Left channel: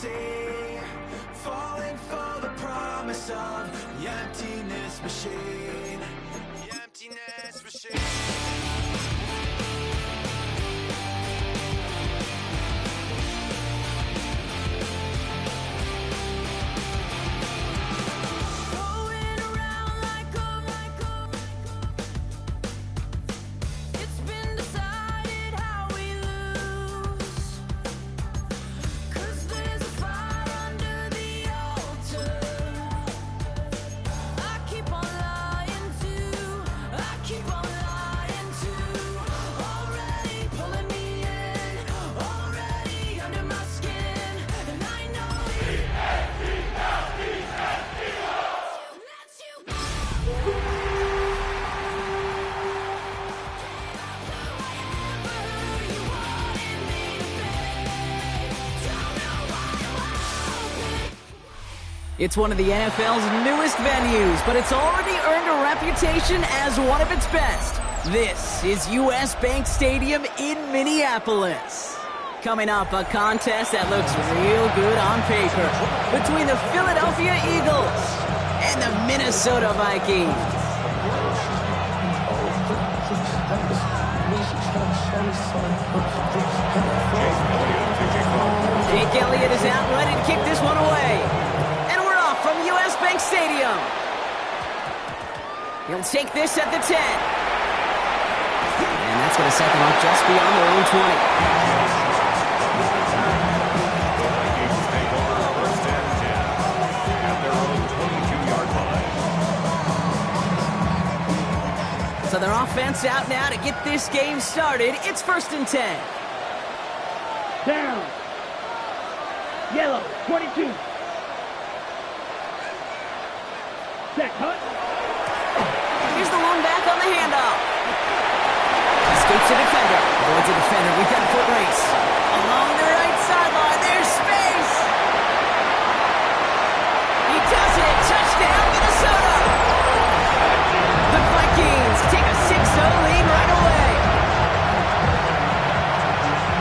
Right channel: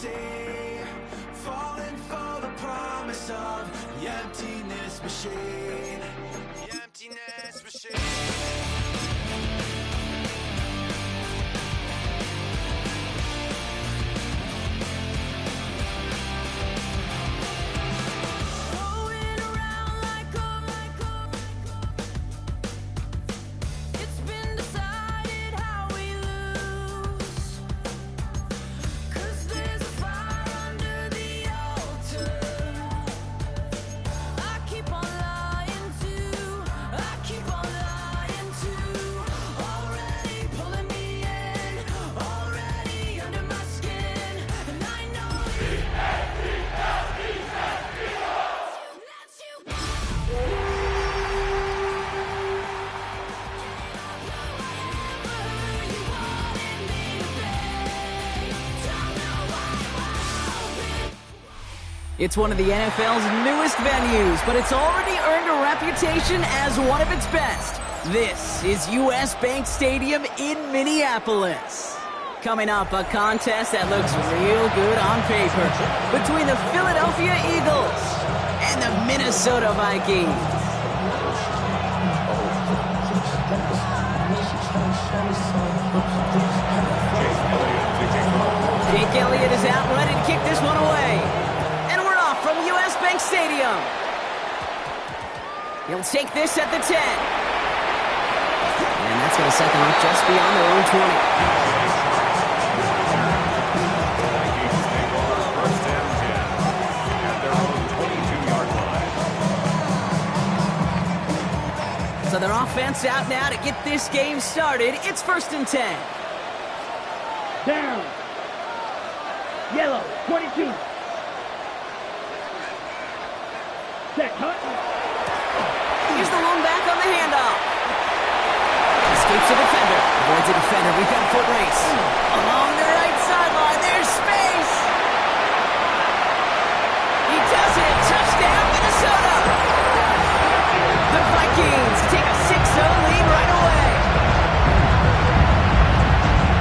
see, falling for the promise of the emptiness machine. The emptiness machine. It's one of the NFL's newest venues, but it's already earned a reputation as one of its best. This is US Bank Stadium in Minneapolis. Coming up, a contest that looks real good on paper between the Philadelphia Eagles and the Minnesota Vikings. Jake Elliott is out ready to kick this one away. From US Bank Stadium. He'll take this at the 10. And that's going to set them up just beyond their own 20. The Vikings take over first and 10 at their own 22-yard line. So their offense out now to get this game started. It's first and 10. Down. Yellow, 22. Set, cut. Here's the lone back on the handoff. Escapes a defender. Avoids a defender. We've got a foot race. Along the right sideline. There's space. He does it. Touchdown, Minnesota. The Vikings take a 6-0 lead right away.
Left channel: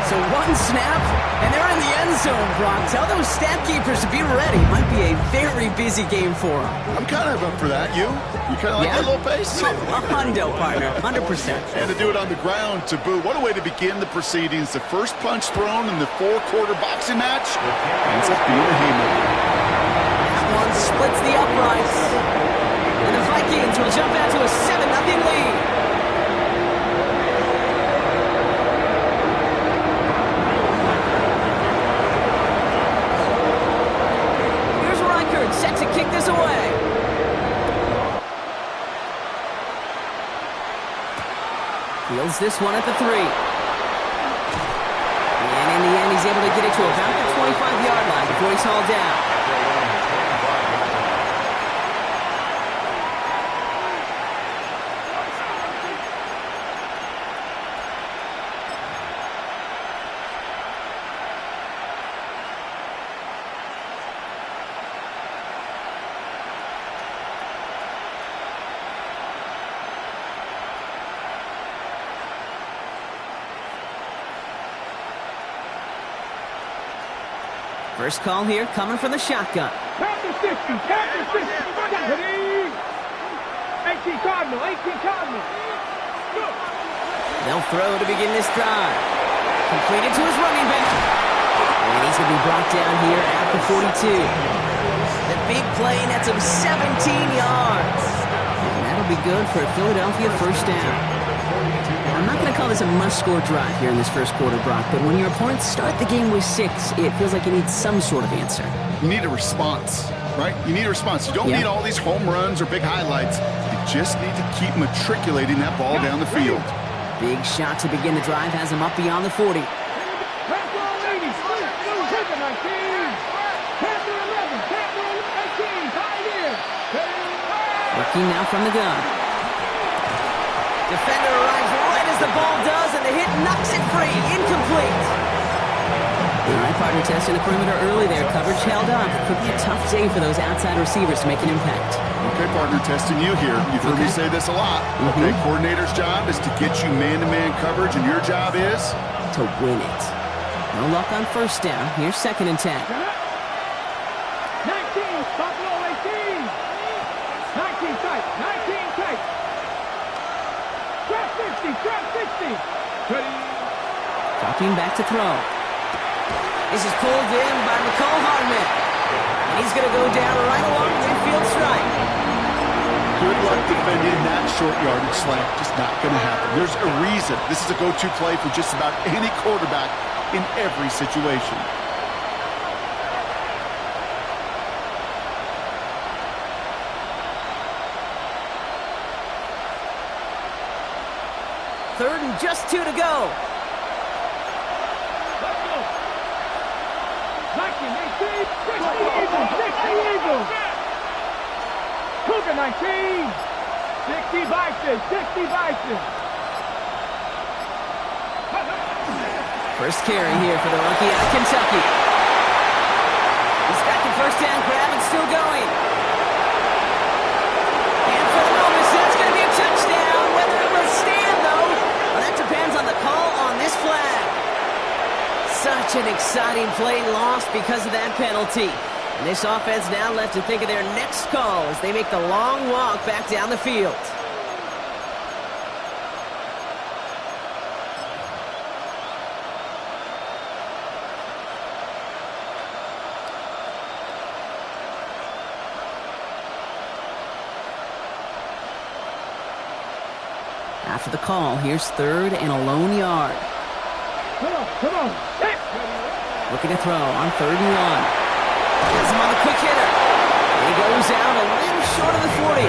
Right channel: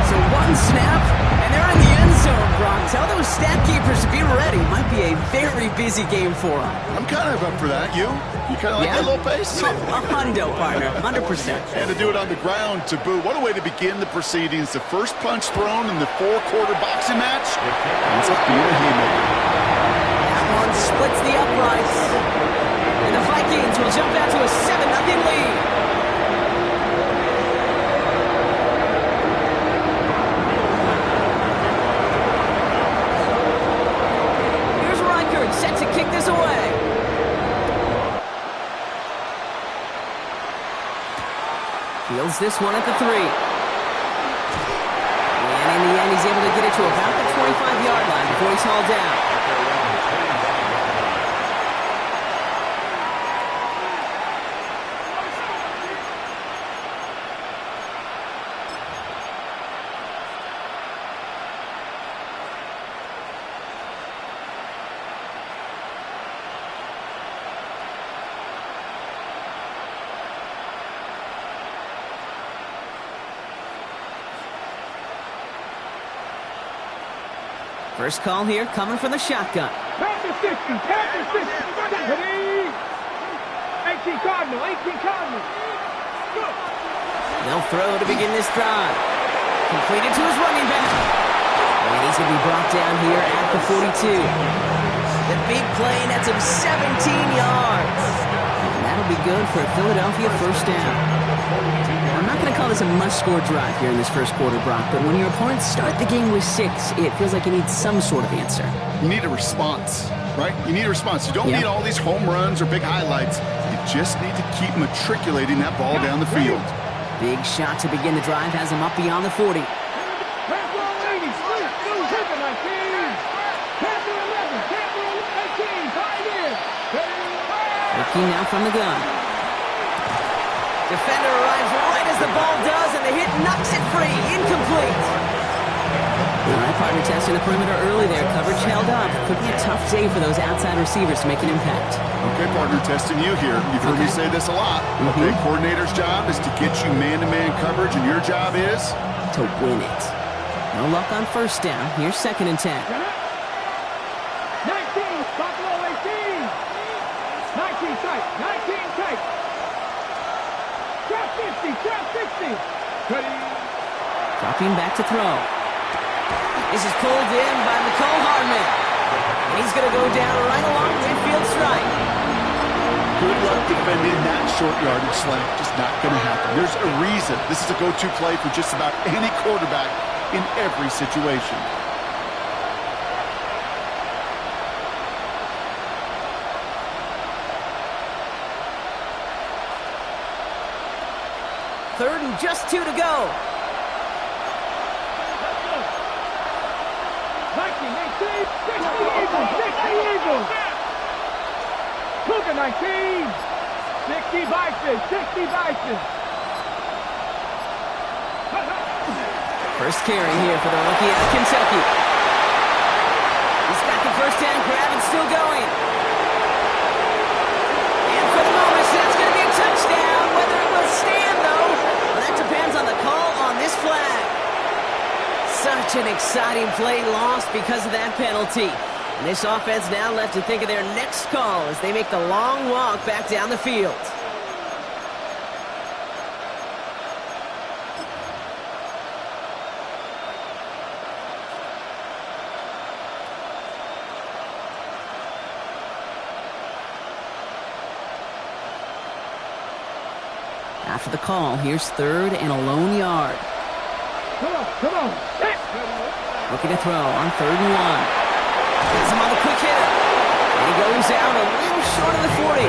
So one snap, and they're in the end zone, Brock. Tell those stat keepers to be ready. Might be a very busy game for them. I'm kind of up for that. You kind of like that little pace? A hundo, partner. 100%. And to do it on the ground, to boot. What a way to begin the proceedings. The first punch thrown in the four-quarter boxing match ends up being a haymaker. That one splits the uprights. And the Vikings will jump out to a 7-0 lead. Set to kick this away. Fields this one at the 3. And in the end, he's able to get it to about the 25-yard line before he's hauled down. First call here coming from the shotgun. Panther 60, Panther 60. Ready? 18 Cardinal, 18 Cardinal. Go. They'll throw to begin this drive. Completed to his running back. And he's going to be brought down here at the 42. The big play nets him 17 yards. And that'll be good for a Philadelphia first down. I'm not going to call this a must-score drive here in this first quarter, Brock, but when your opponents start the game with 6, it feels like you need some sort of answer. You need a response, right? You need a response. You don't need all these home runs or big highlights. You just need to keep matriculating that ball down the field. Big shot to begin the drive has him up beyond the 40. Looking now from the gun. Defender arrives right as the ball does, and the hit knocks it free. Incomplete. All right, partner, testing the perimeter early there. Coverage held up. Could be a tough day for those outside receivers to make an impact. Okay, partner, testing you here. You've heard me say this a lot. Okay, coordinator's job is to get you man-to-man coverage, and your job is? To win it. No luck on first down. Here's second and 10. Buffalo 18. 19 tight. 19 tight. Trap 50. Trap 60. Ready. Dropping back to throw. This is pulled in by McCole Hardman. And he's going to go down right along the midfield stripe. Good luck defending that short yardage slant. Just not going to happen. There's a reason. This is a go-to play for just about any quarterback in every situation. Third and just 2 to go. Let's go. Viking 18. 60 Eagles. 60 Eagles. Cougar 19. 60 Bison. 60 Bison. First carry here for the rookie out of Kentucky. He's got the first down grab and still going. And for the moment, that's going to be a touchdown. Whether it will stand, though, well, that depends on the call on this flag. Such an exciting play lost because of that penalty. And this offense now left to think of their next call as they make the long walk back down the field. After the call, here's third and a lone yard. Come on, come on. Set. Looking to throw on 3rd and 1. Has him on the quick hitter. And he goes out a little short of the 40.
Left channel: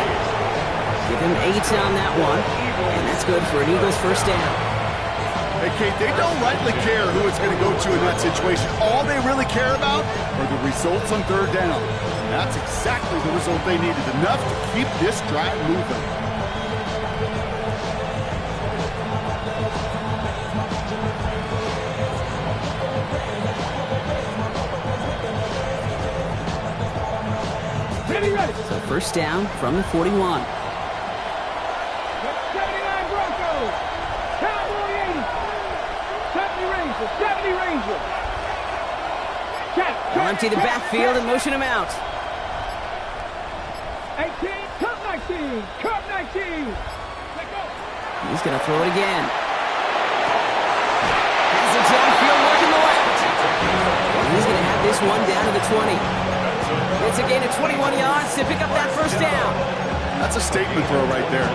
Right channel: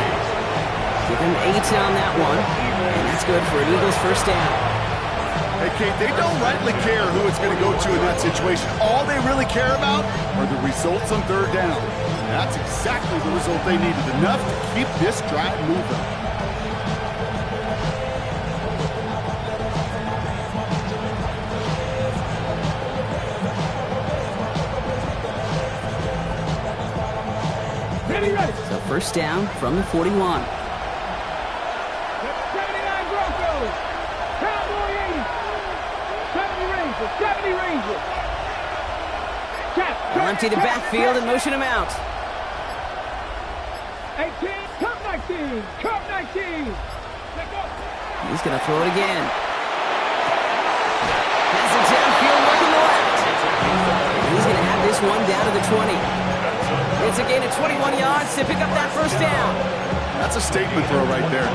Give him 8 on that one. And that's good for an Eagles first down. Hey, Kate, they don't rightly care who it's going to go to in that situation. All they really care about are the results on 3rd down. And that's exactly the result they needed. Enough to keep this drive moving. Ready. So first down from the 41. 79 Broncos. Cowboy 80. 70 Rangers. 70 Rangers. They'll empty the backfield and motion him out. 18. Cup 19. Cup 19. Let go. He's going to throw it again. Has it downfield working the left. And he's going to have this one down to the 20. It's a gain of 21 yards to pick up that first down. That's a statement throw right there.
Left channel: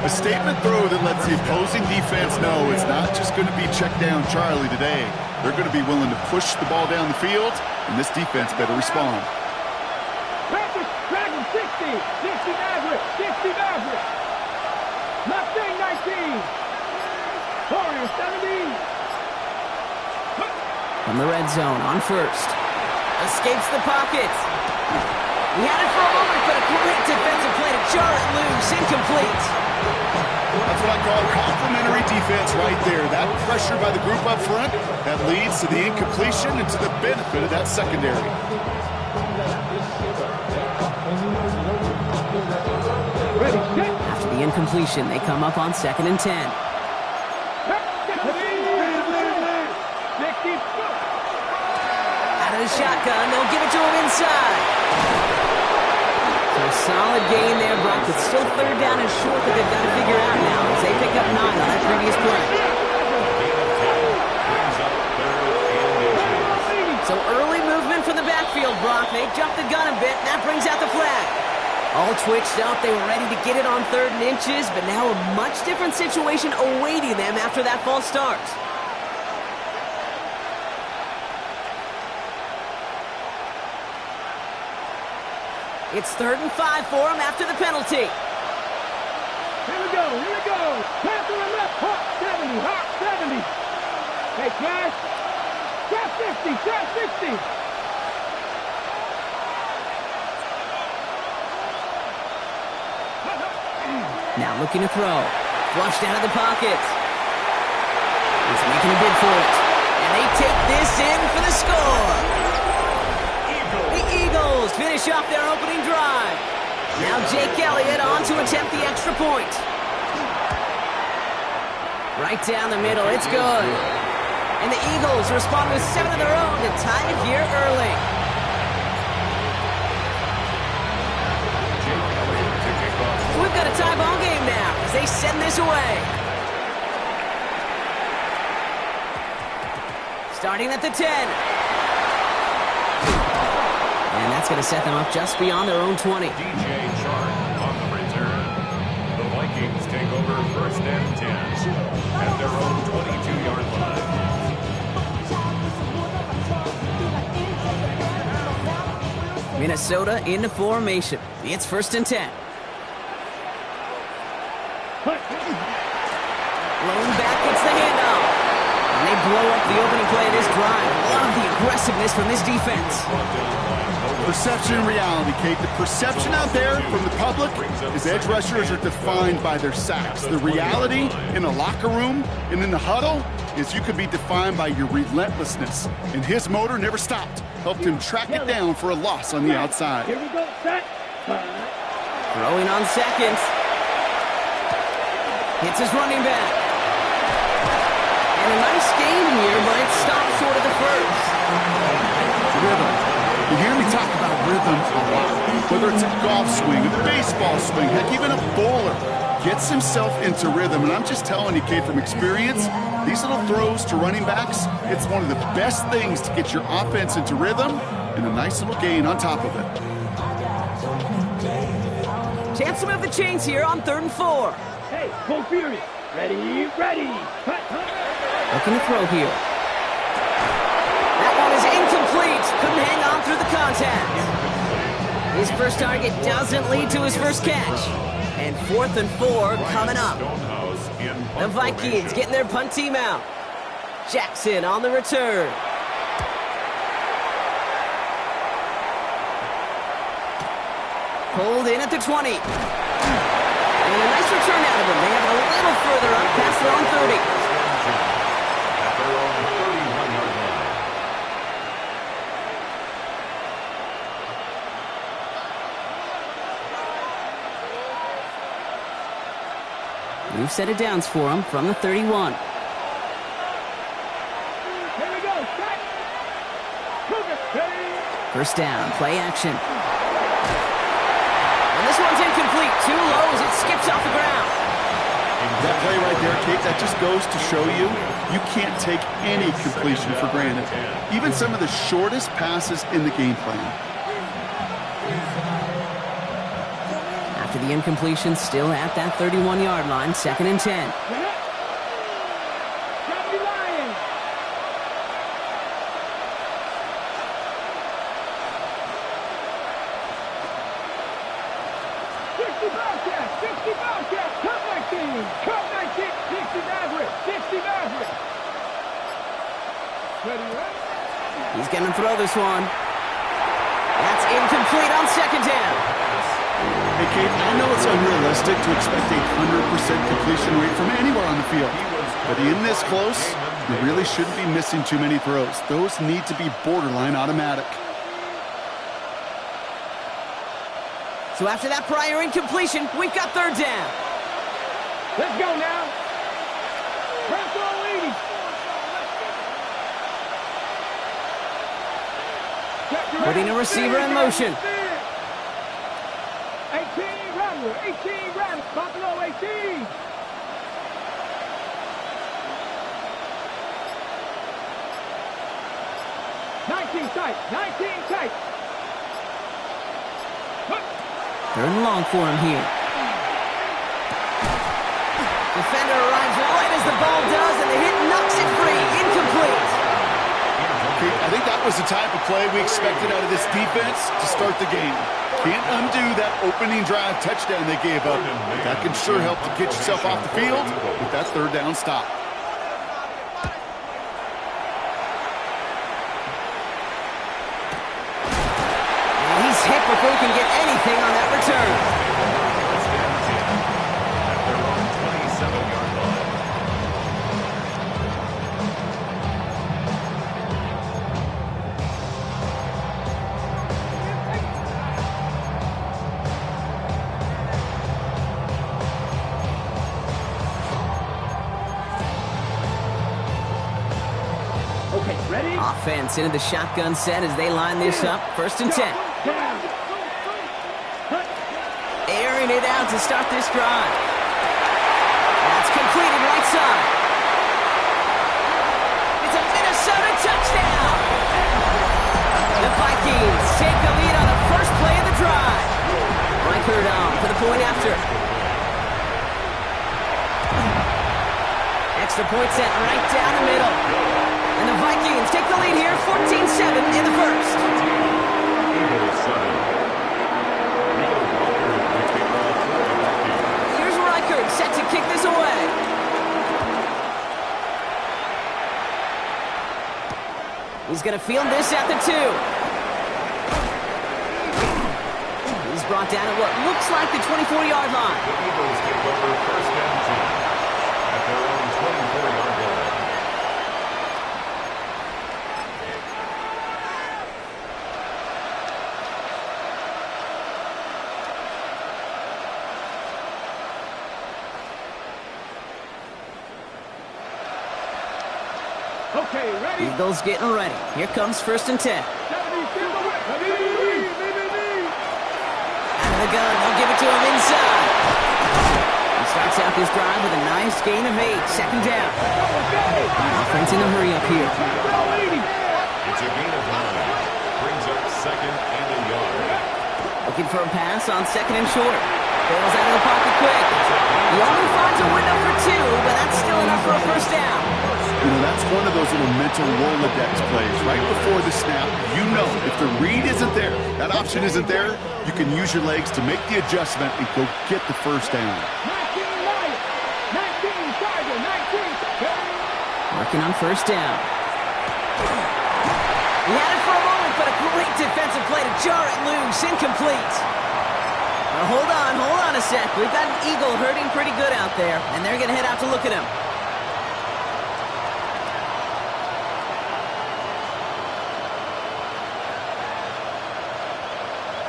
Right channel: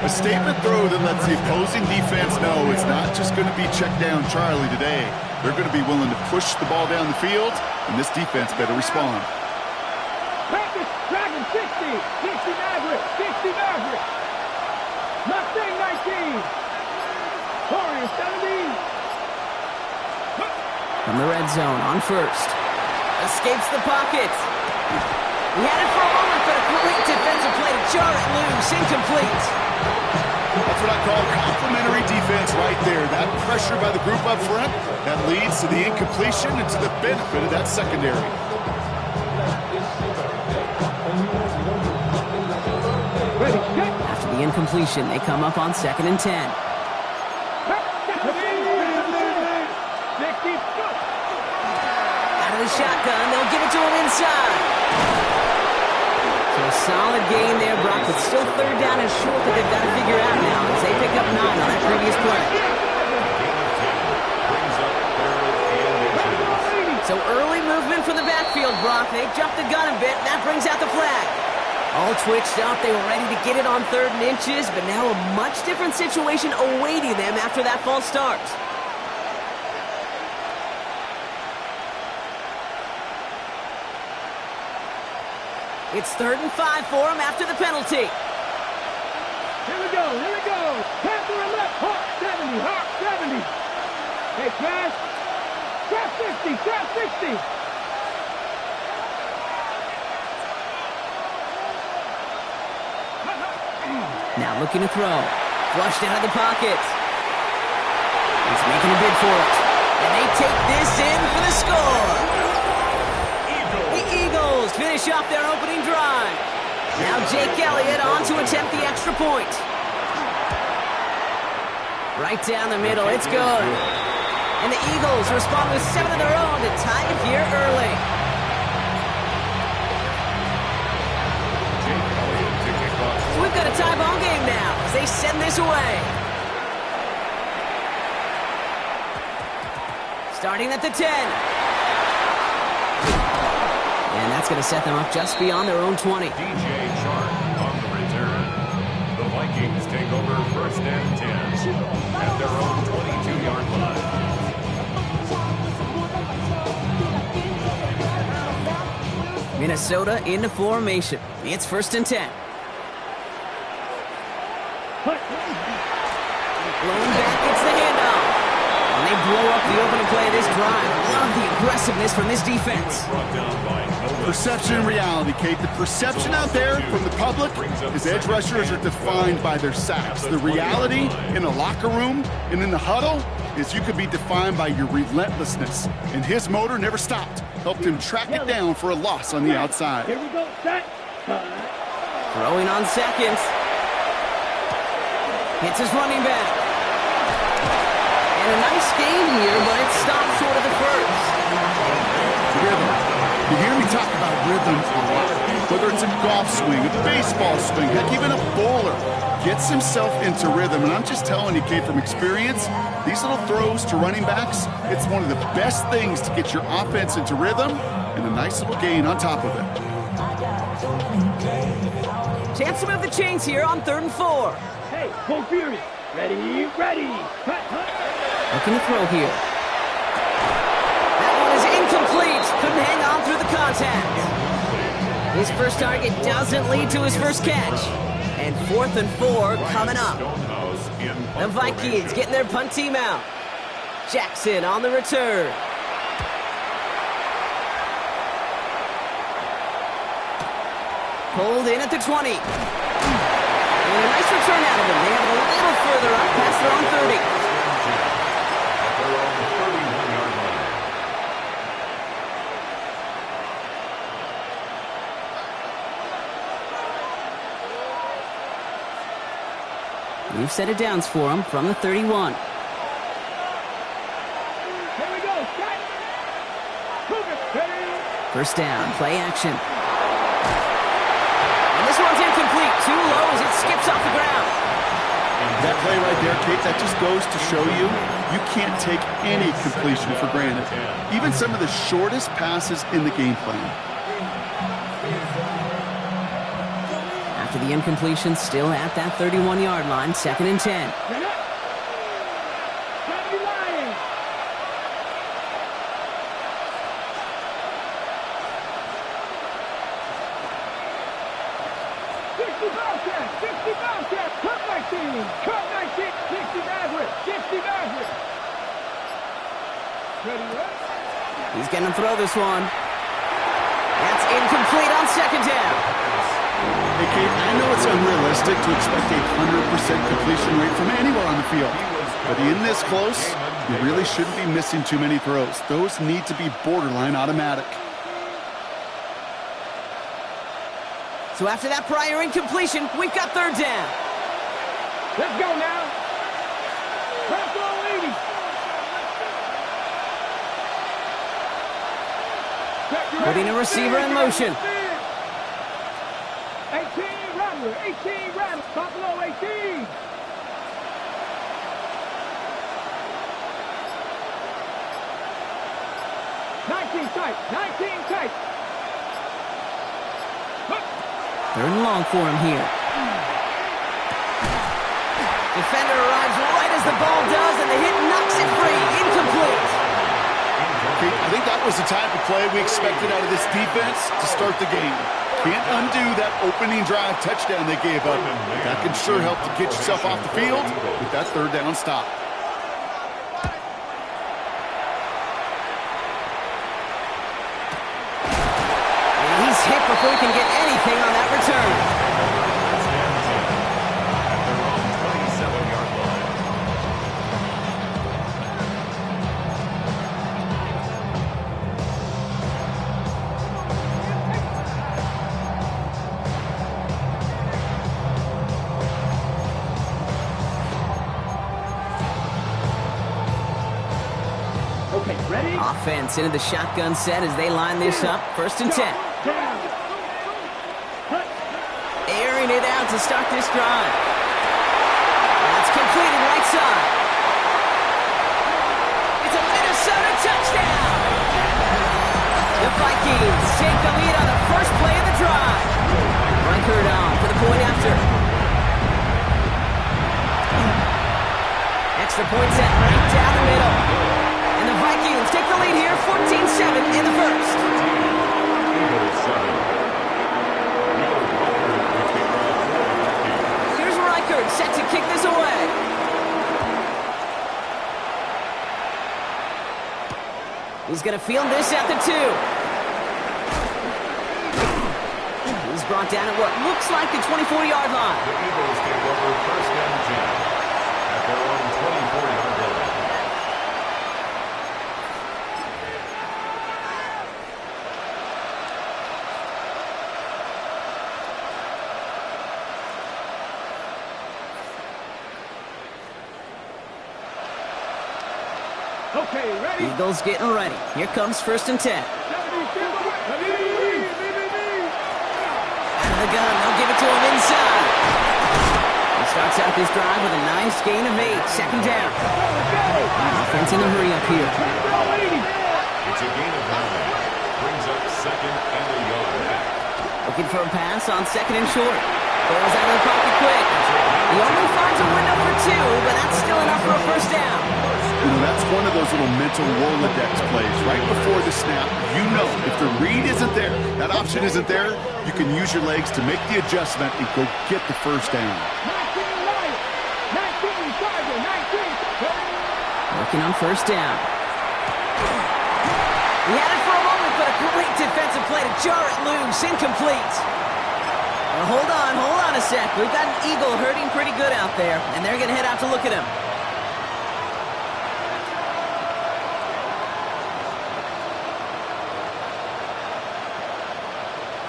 A statement throw that lets the opposing defense know it's not just going to be check down Charlie today. They're going to be willing to push the ball down the field, and this defense better respond. Panthers, Dragon 60. 60 Maverick. 60 Maverick. Mustang 19. Warrior 70. From the red zone on first. Escapes the pocket. He had it for a moment, but a great defensive play to jar it loose. Incomplete. That's what I call complimentary defense right there. That pressure by the group up front, that leads to the incompletion and to the benefit of that secondary. Ready, set. After the incompletion, they come up on 2nd and 10. 60. Out of the shotgun, they'll give it to him inside. So a solid gain there, Brock, but still 3rd down and short that they've got to figure out now as they pick up 9 on that previous play. Gain of 10 brings up 3rd and inches. So early movement from the backfield, Brock. They jumped the gun a bit, and that brings out the flag. All twitched up, they were ready to get it on 3rd and inches, but now a much different situation awaiting them after that false start. It's 3rd and 5 for him after the penalty. Here we go. Panther and left. Hawk 70. Hawk 70. Hey, Trash. Trap 50. Trap 60. Now looking to throw. Flushed out of the pocket. He's making a bid for it. And they take this in for the score. The Eagles finish off their opening drive. Now Jake Elliott on to attempt the extra point. Right down the middle, it's good. And the Eagles respond with 7 of their own to tie it here early. they send this away. Starting at the 10. And that's going to set them up just beyond their own 20. DJ Chark on the return. The Vikings take over 1st and 10 at their own 22-yard line. Minnesota into formation. It's 1st and 10. Blown back, it's the handoff. And they blow up the opening play of this drive. Love the aggressiveness from this defense. Perception and reality, Kate. The perception out there from the public is edge rushers are defined by their sacks. The reality in a locker room and in the huddle is you could be defined by your relentlessness. And his motor never stopped. Helped him track it down for a loss on the outside. Here we go, set. Throwing on seconds. Hits his running back. And a nice game here, but it stopped short of the first. Rhythm. You hear me talk about rhythm a lot. Whether it's a golf swing, a baseball swing, heck, even a bowler gets himself into rhythm. And I'm just telling you, Kate, from experience, these little throws to running backs, it's one of the best things to get your offense into rhythm and a nice little gain on top of it. Chance to move the chains here on 3rd and 4. Hey, full fury. Ready, ready. Looking to throw here. That one is incomplete. Couldn't hang on through the contact. His first target doesn't lead to his first catch. And 4th and 4 coming up. The Vikings getting their punt team out. Jackson on the return. Pulled in at the 20. And a nice return out of him. They have it a little further up past their own 30. At their own 31-yard line. We've set it downs for him from the 31. Here we go, set. Cougar, ready. First down, play action. And this one's incomplete. Too low as it skips off the ground. That play right there, Kate, that just goes to show you can't take any completion for granted. Even some of the shortest passes in the game plan. After the incompletion, still at that 31-yard line, 2nd and 10. Lions. 60 Bobcats, 60 Bobcats, cut 19, cut 19, 60 Mavericks, 60 Mavericks. Ready, ready? He's going to throw this one. That's incomplete on 2nd down. Hey, Kate, I know it's unrealistic to expect a 100% completion rate from anywhere on the field. But in this close, you really shouldn't be missing too many throws. Those need to be borderline automatic. So after that prior incompletion, we've got 3rd down. Let's go now. Bronco 80. Putting a receiver in motion. 18 Rattler, 18 Rattler, Buffalo 18. Tight, 19 tight. 3rd and long for him here. Defender arrives right as the ball does, and the hit knocks it free. Incomplete. Okay, I think that was the type of play we expected out of this defense to start the game. Can't undo that opening drive touchdown they gave up. But that can sure help to get yourself off the field with that 3rd down stop. And he's hit before he can get anything on that return. First and 10 at their own 27-yard line. Okay, ready? Offense into the shotgun set as they line this up. 1st and 10. Airing it out to start this drive. That's completed right side. It's a Minnesota touchdown. The Vikings take the lead on the first play of the drive. Reichert on for the point after. Extra point set right down the middle. And the Vikings take the lead here, 14-7 in the first. Here's Reichert set to kick this away. He's going to field this at the 2. He's brought down at what looks like the 24-yard line. The Eagles take over first and 10 at their own 24-yard line. Okay, ready? Eagles getting ready. Here comes first and 10. Out of the gun, they'll give it to him inside. He starts out this drive with a nice gain of 8. Second down. Offense in a hurry up here. It's a gain of 9. Brings up second and a yard. Looking for a pass on second and short. Bails out of the pocket quick. He only finds a window for 2, but that's still enough for a first down. You know, that's one of those little mental Rolodex plays. Right before the snap, you know if the read isn't there, that option isn't there, you can use your legs to make the adjustment and go get the first down. 19 Tiger, 19. Working on first down. He had it for a moment, but a great defensive play to jar it loose. Incomplete. Well, hold on a sec. We've got an Eagle hurting pretty good out there, and they're going to head out to look at him.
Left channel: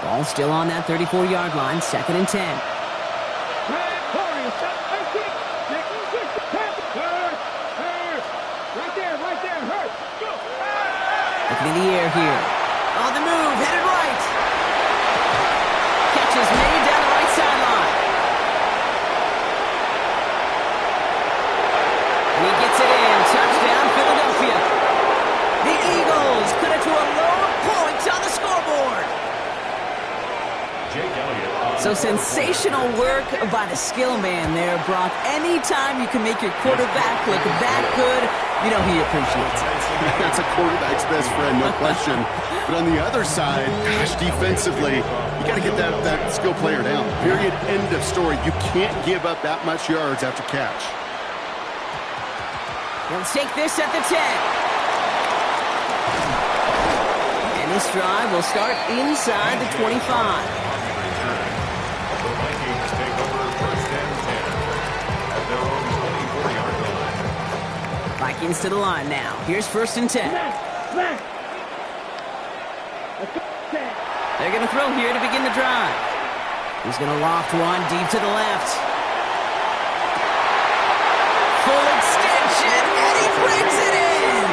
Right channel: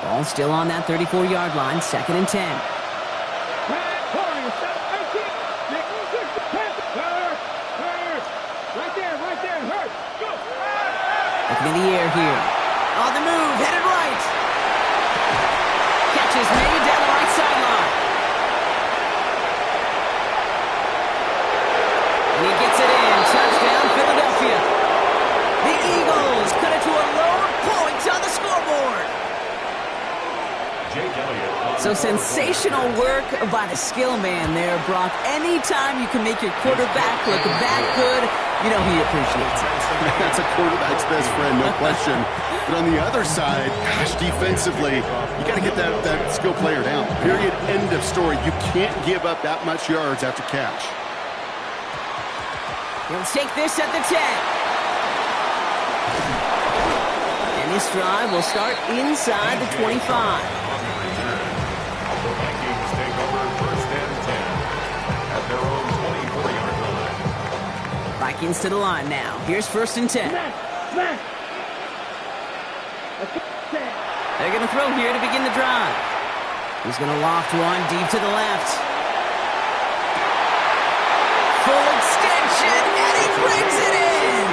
Ball still on that 34-yard line, second and 10. Looking in the air here. On the move, headed right. Catch is made down the right sideline. And he gets it in. Touchdown, Philadelphia. The Eagles cut it to a lone point on the scoreboard. Jake Elliott. So sensational work by the skill man there, Brock. Anytime you can make your quarterback look that good, you know he appreciates it. That's a quarterback's best friend, no question. But on the other side, gosh, defensively, you got to get that skill player down. Period, end of story. You can't give up that much yards after catch. He'll take this at the 10. And this drive will start inside the 25. The Vikings take over first and 10 at their own 24-yard line. Vikings to the line now. Here's first and 10. They're going to throw here to begin the drive. He's going to loft one deep to the left. Full extension, and he brings it in!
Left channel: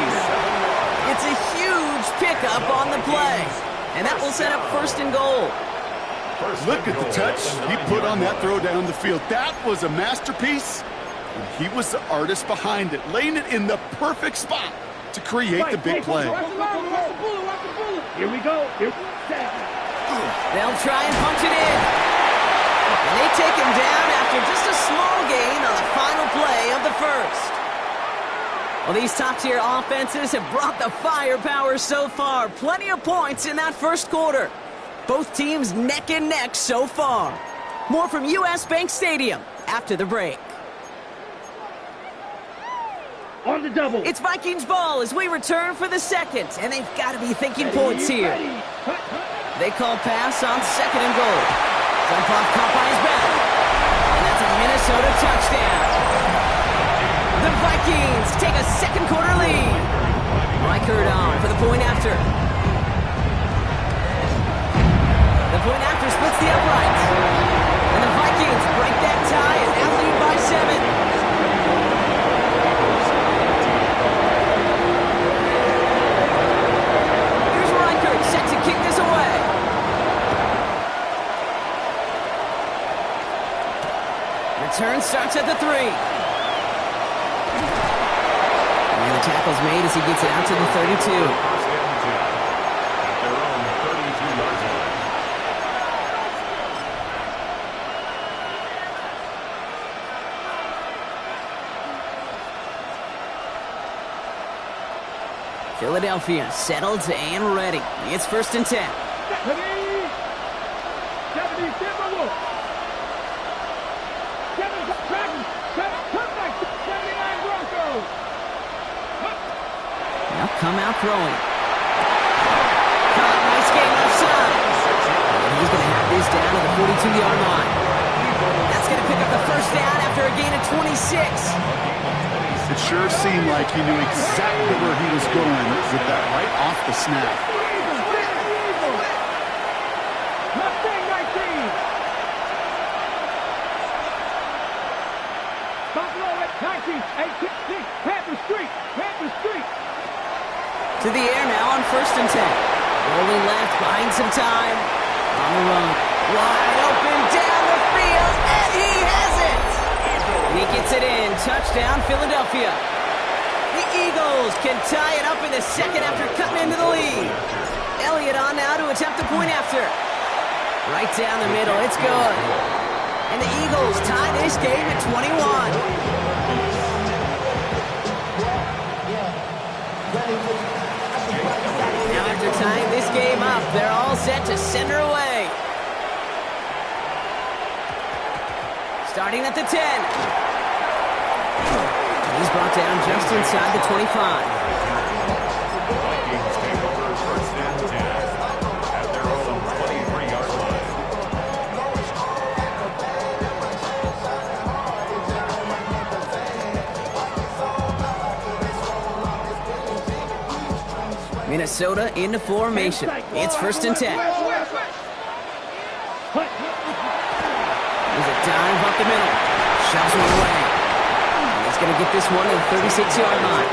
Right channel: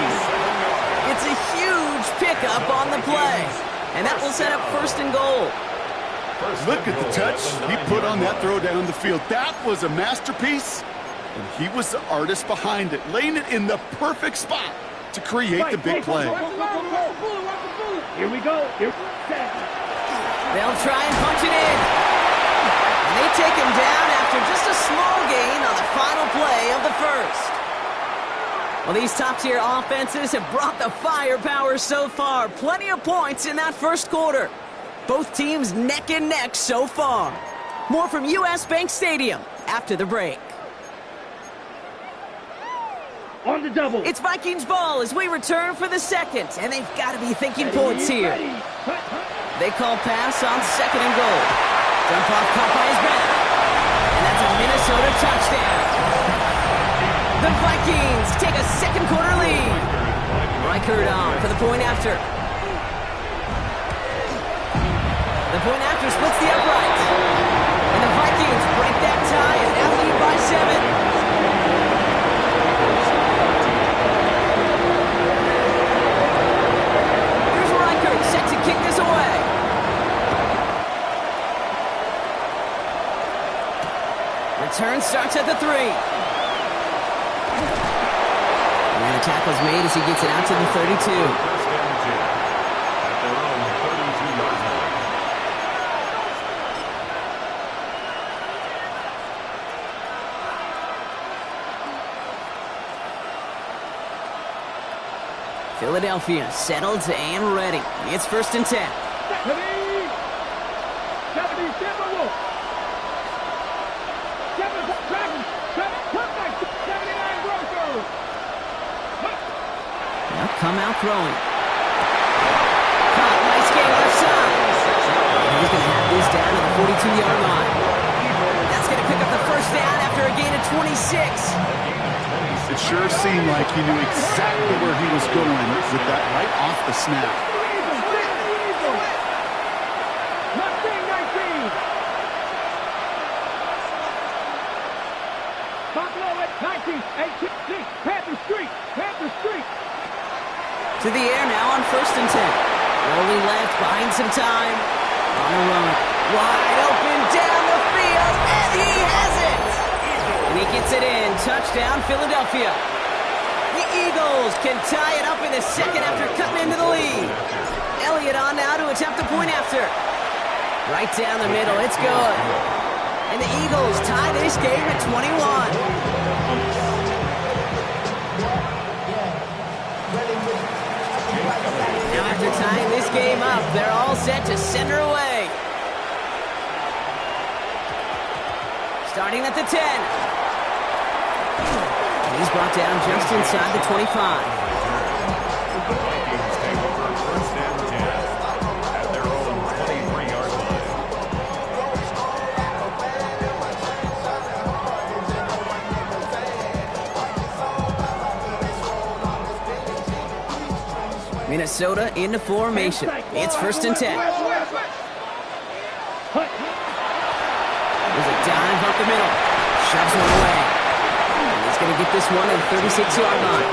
It's a huge pickup on the play. And that will set up first and goal. Look at the touch he put on that throw down the field. That was a masterpiece, and he was the artist behind it, laying it in the perfect spot to create the big play. Here we go. They'll try and punch it in. And they take him down after just a small gain on the final play of the first. Well, these top-tier offenses have brought the firepower so far. Plenty of points in that first quarter. Both teams neck and neck so far. More from US Bank Stadium after the break. On the double. It's Vikings ball as we return for the second, and they've got to be thinking points here. They call pass on second and goal. Dump off caught by his back. And that's a Minnesota touchdown. The Vikings take a second quarter lead. Reichert on for the point after. The point after splits the uprights. And the Vikings break that tie and now lead by 7. Here's Reichert set to kick this away. Return starts at the 3. And the tackle's made as he gets it out to the 32. First and 10 at their own 32-yard line. Philadelphia settled and ready. It's first and 10. 70 Timberwolves. 7 Dragons. 7 comeback. 79 Broncos. They'll come out throwing. Caught, nice game left side. And he's going to have this down to the 42-yard line. That's going to pick up the first down after a gain of 26. It sure seemed like he knew exactly where he was going with that right off the snap. Mustang 19. Buffalo at 19. 18. Panther Street. Panther Street. To the air now on first and 10. Rolling left, buying some time. On the run. Wide open down the field, and he has it! And he gets it in. Touchdown, Philadelphia. The Eagles can tie it up in the second after cutting into the lead. Elliott on now to attempt the point after. Right down the middle, it's good. And the Eagles tie this game at 21. Now after tying this game up, they're all set to send her away. Starting at the 10. And he's brought down just inside the 25. The Vikings take over first and 10 at their own 23-yard line. Minnesota into formation. It's first and 10. There's a dive up the middle. Shoves one away. And he's going to get this one to the 36-yard line.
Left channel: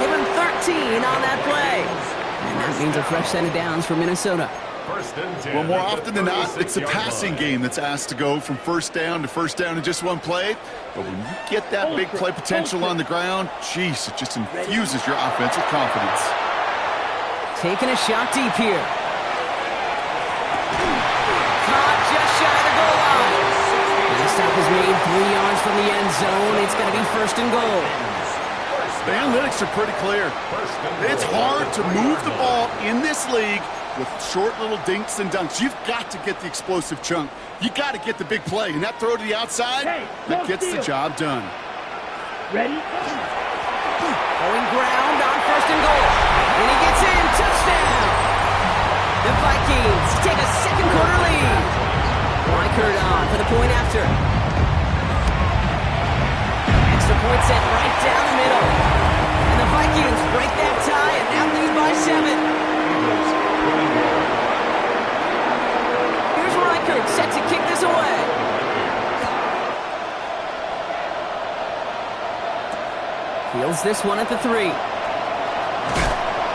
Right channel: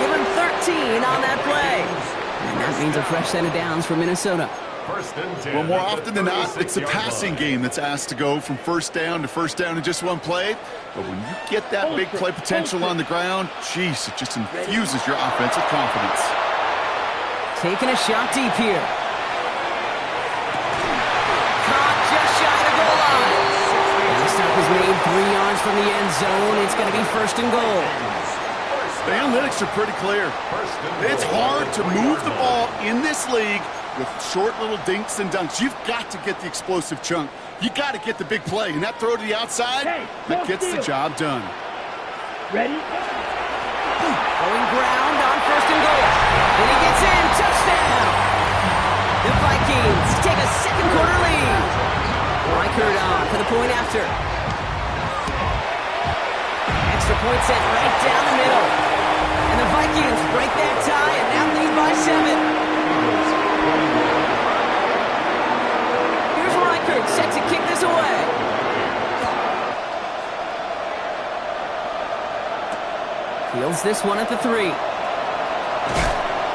Give him 13 on that play. And that means a fresh set of downs for Minnesota. First and 10. Well, more often than not, it's the passing game that's asked to go from first down in just one play. But when you get that big play potential on the ground, geez, it just infuses your offense with confidence. Taking a shot deep here. Caught just shy of the goal line. And the stop is made 3 yards from the end zone. It's going to be first and goal. The analytics are pretty clear. It's hard to move the ball in this league with short little dinks and dunks. You've got to get the explosive chunk. You got to get the big play. And that throw to the outside, that gets the job done. Ready? Going ground on first and goal. And he gets in. Touchdown. The Vikings take a second quarter lead. Reichert on for the point after. Extra point set right down the middle. And the Vikings break that tie and now lead by 7. Here's Reichert set to kick this away. Fields this one at the 3.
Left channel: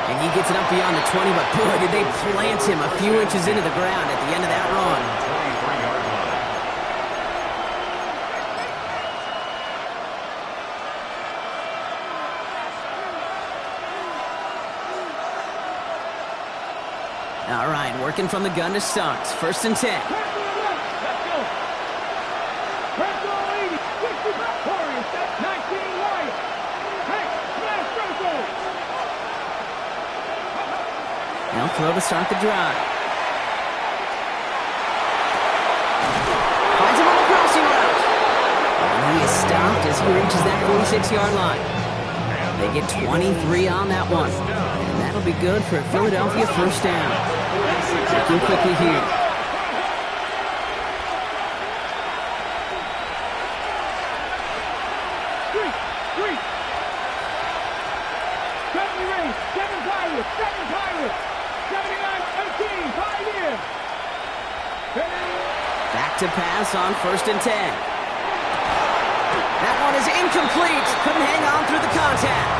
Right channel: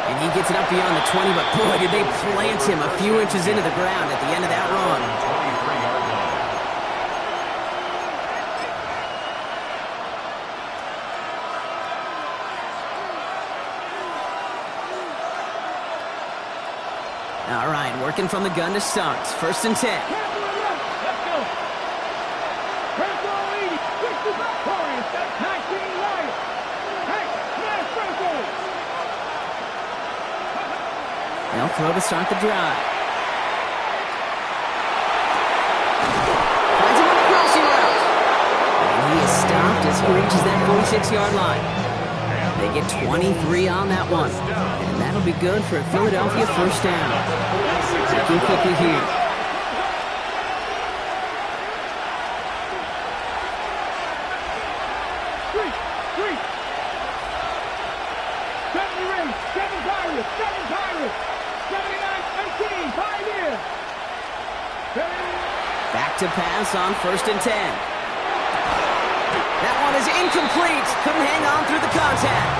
And he gets it up beyond the 20, but boy, did they plant him a few inches into the ground at the end of that run. 23-yard line. All right, working from the gun to start. First and 10. Let's go. First goal 80. Switch is up. Corey, 19 Wyatt. Hey, smash circle. They'll throw to start the drive. Finds him on the crossing route. And he is stopped as he reaches that 46-yard line. They get 23 on that one. And that'll be good for a Philadelphia first down. Working quickly here. Street. 70 Rays. 7 Pirates. 7 Pirates. 79-18. Pioneer. Back to pass on first and 10. That one is incomplete. Couldn't hang on through the contact.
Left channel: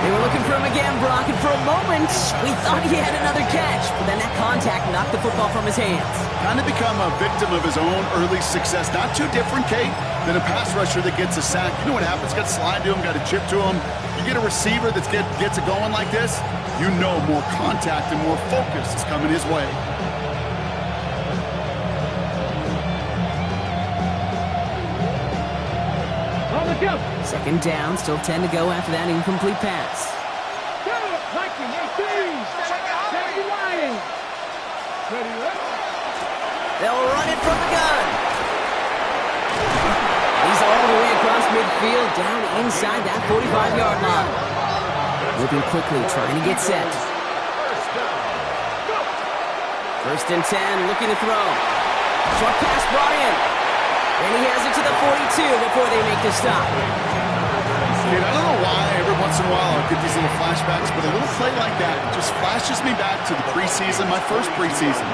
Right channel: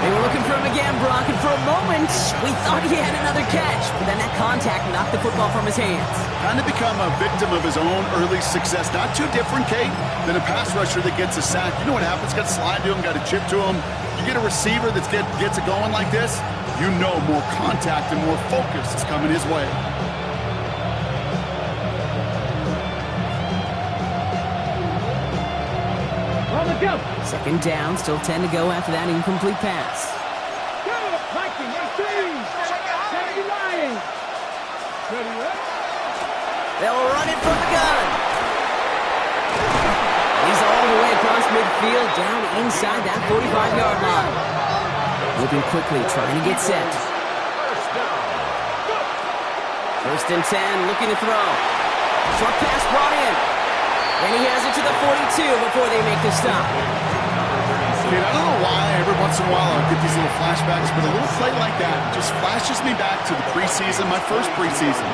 They were looking for him again, Brock, and for a moment, we thought he had another catch. But then that contact knocked the football from his hands. Kind of become a victim of his own early success. Not too different, Kate, than a pass rusher that gets a sack. You know what happens? Got to slide to him, got to chip to him. You get a receiver that gets it going like this, you know more contact and more focus is coming his way. On the go. Second down, still 10 to go after that incomplete pass. Go. Viking 18. Sandy Lying. Ready, ready. They'll run it from the gun. He's all the way across midfield, down inside that 45-yard line. Moving quickly, trying to get set. First and 10, looking to throw. Short pass brought in. And he has it to the 42 before they make the stop. Kid, I don't know why every once in a while I'll get these little flashbacks, but a little play like that just flashes me back to the preseason, my first preseason.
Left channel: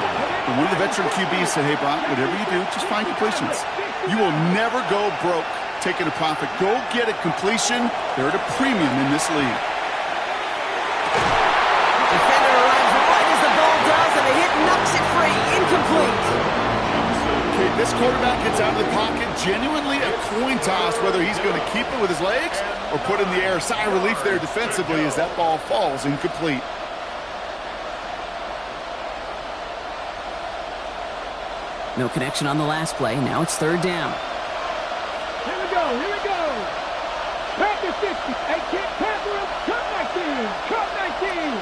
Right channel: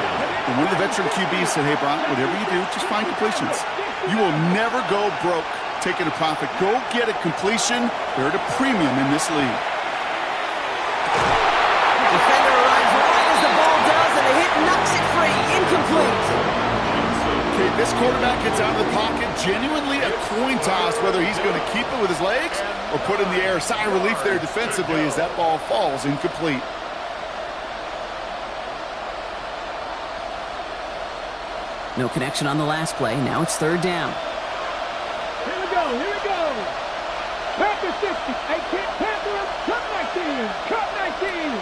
And one of the veteran QBs said, hey, Brock, whatever you do, just find completions. You will never go broke taking a profit. Go get a completion. They're at a premium in this league. Defender arrives right as the ball does, and the hit knocks it free. Incomplete. Okay, this quarterback gets out of the pocket, genuinely a coin toss whether he's going to keep it with his legs or put it in the air. Sigh of relief there defensively as that ball falls incomplete. No connection on the last play. Now it's third down. Here we go, here we go. Packer 60. Hey, kid, Panther, cut 19. Cut 19.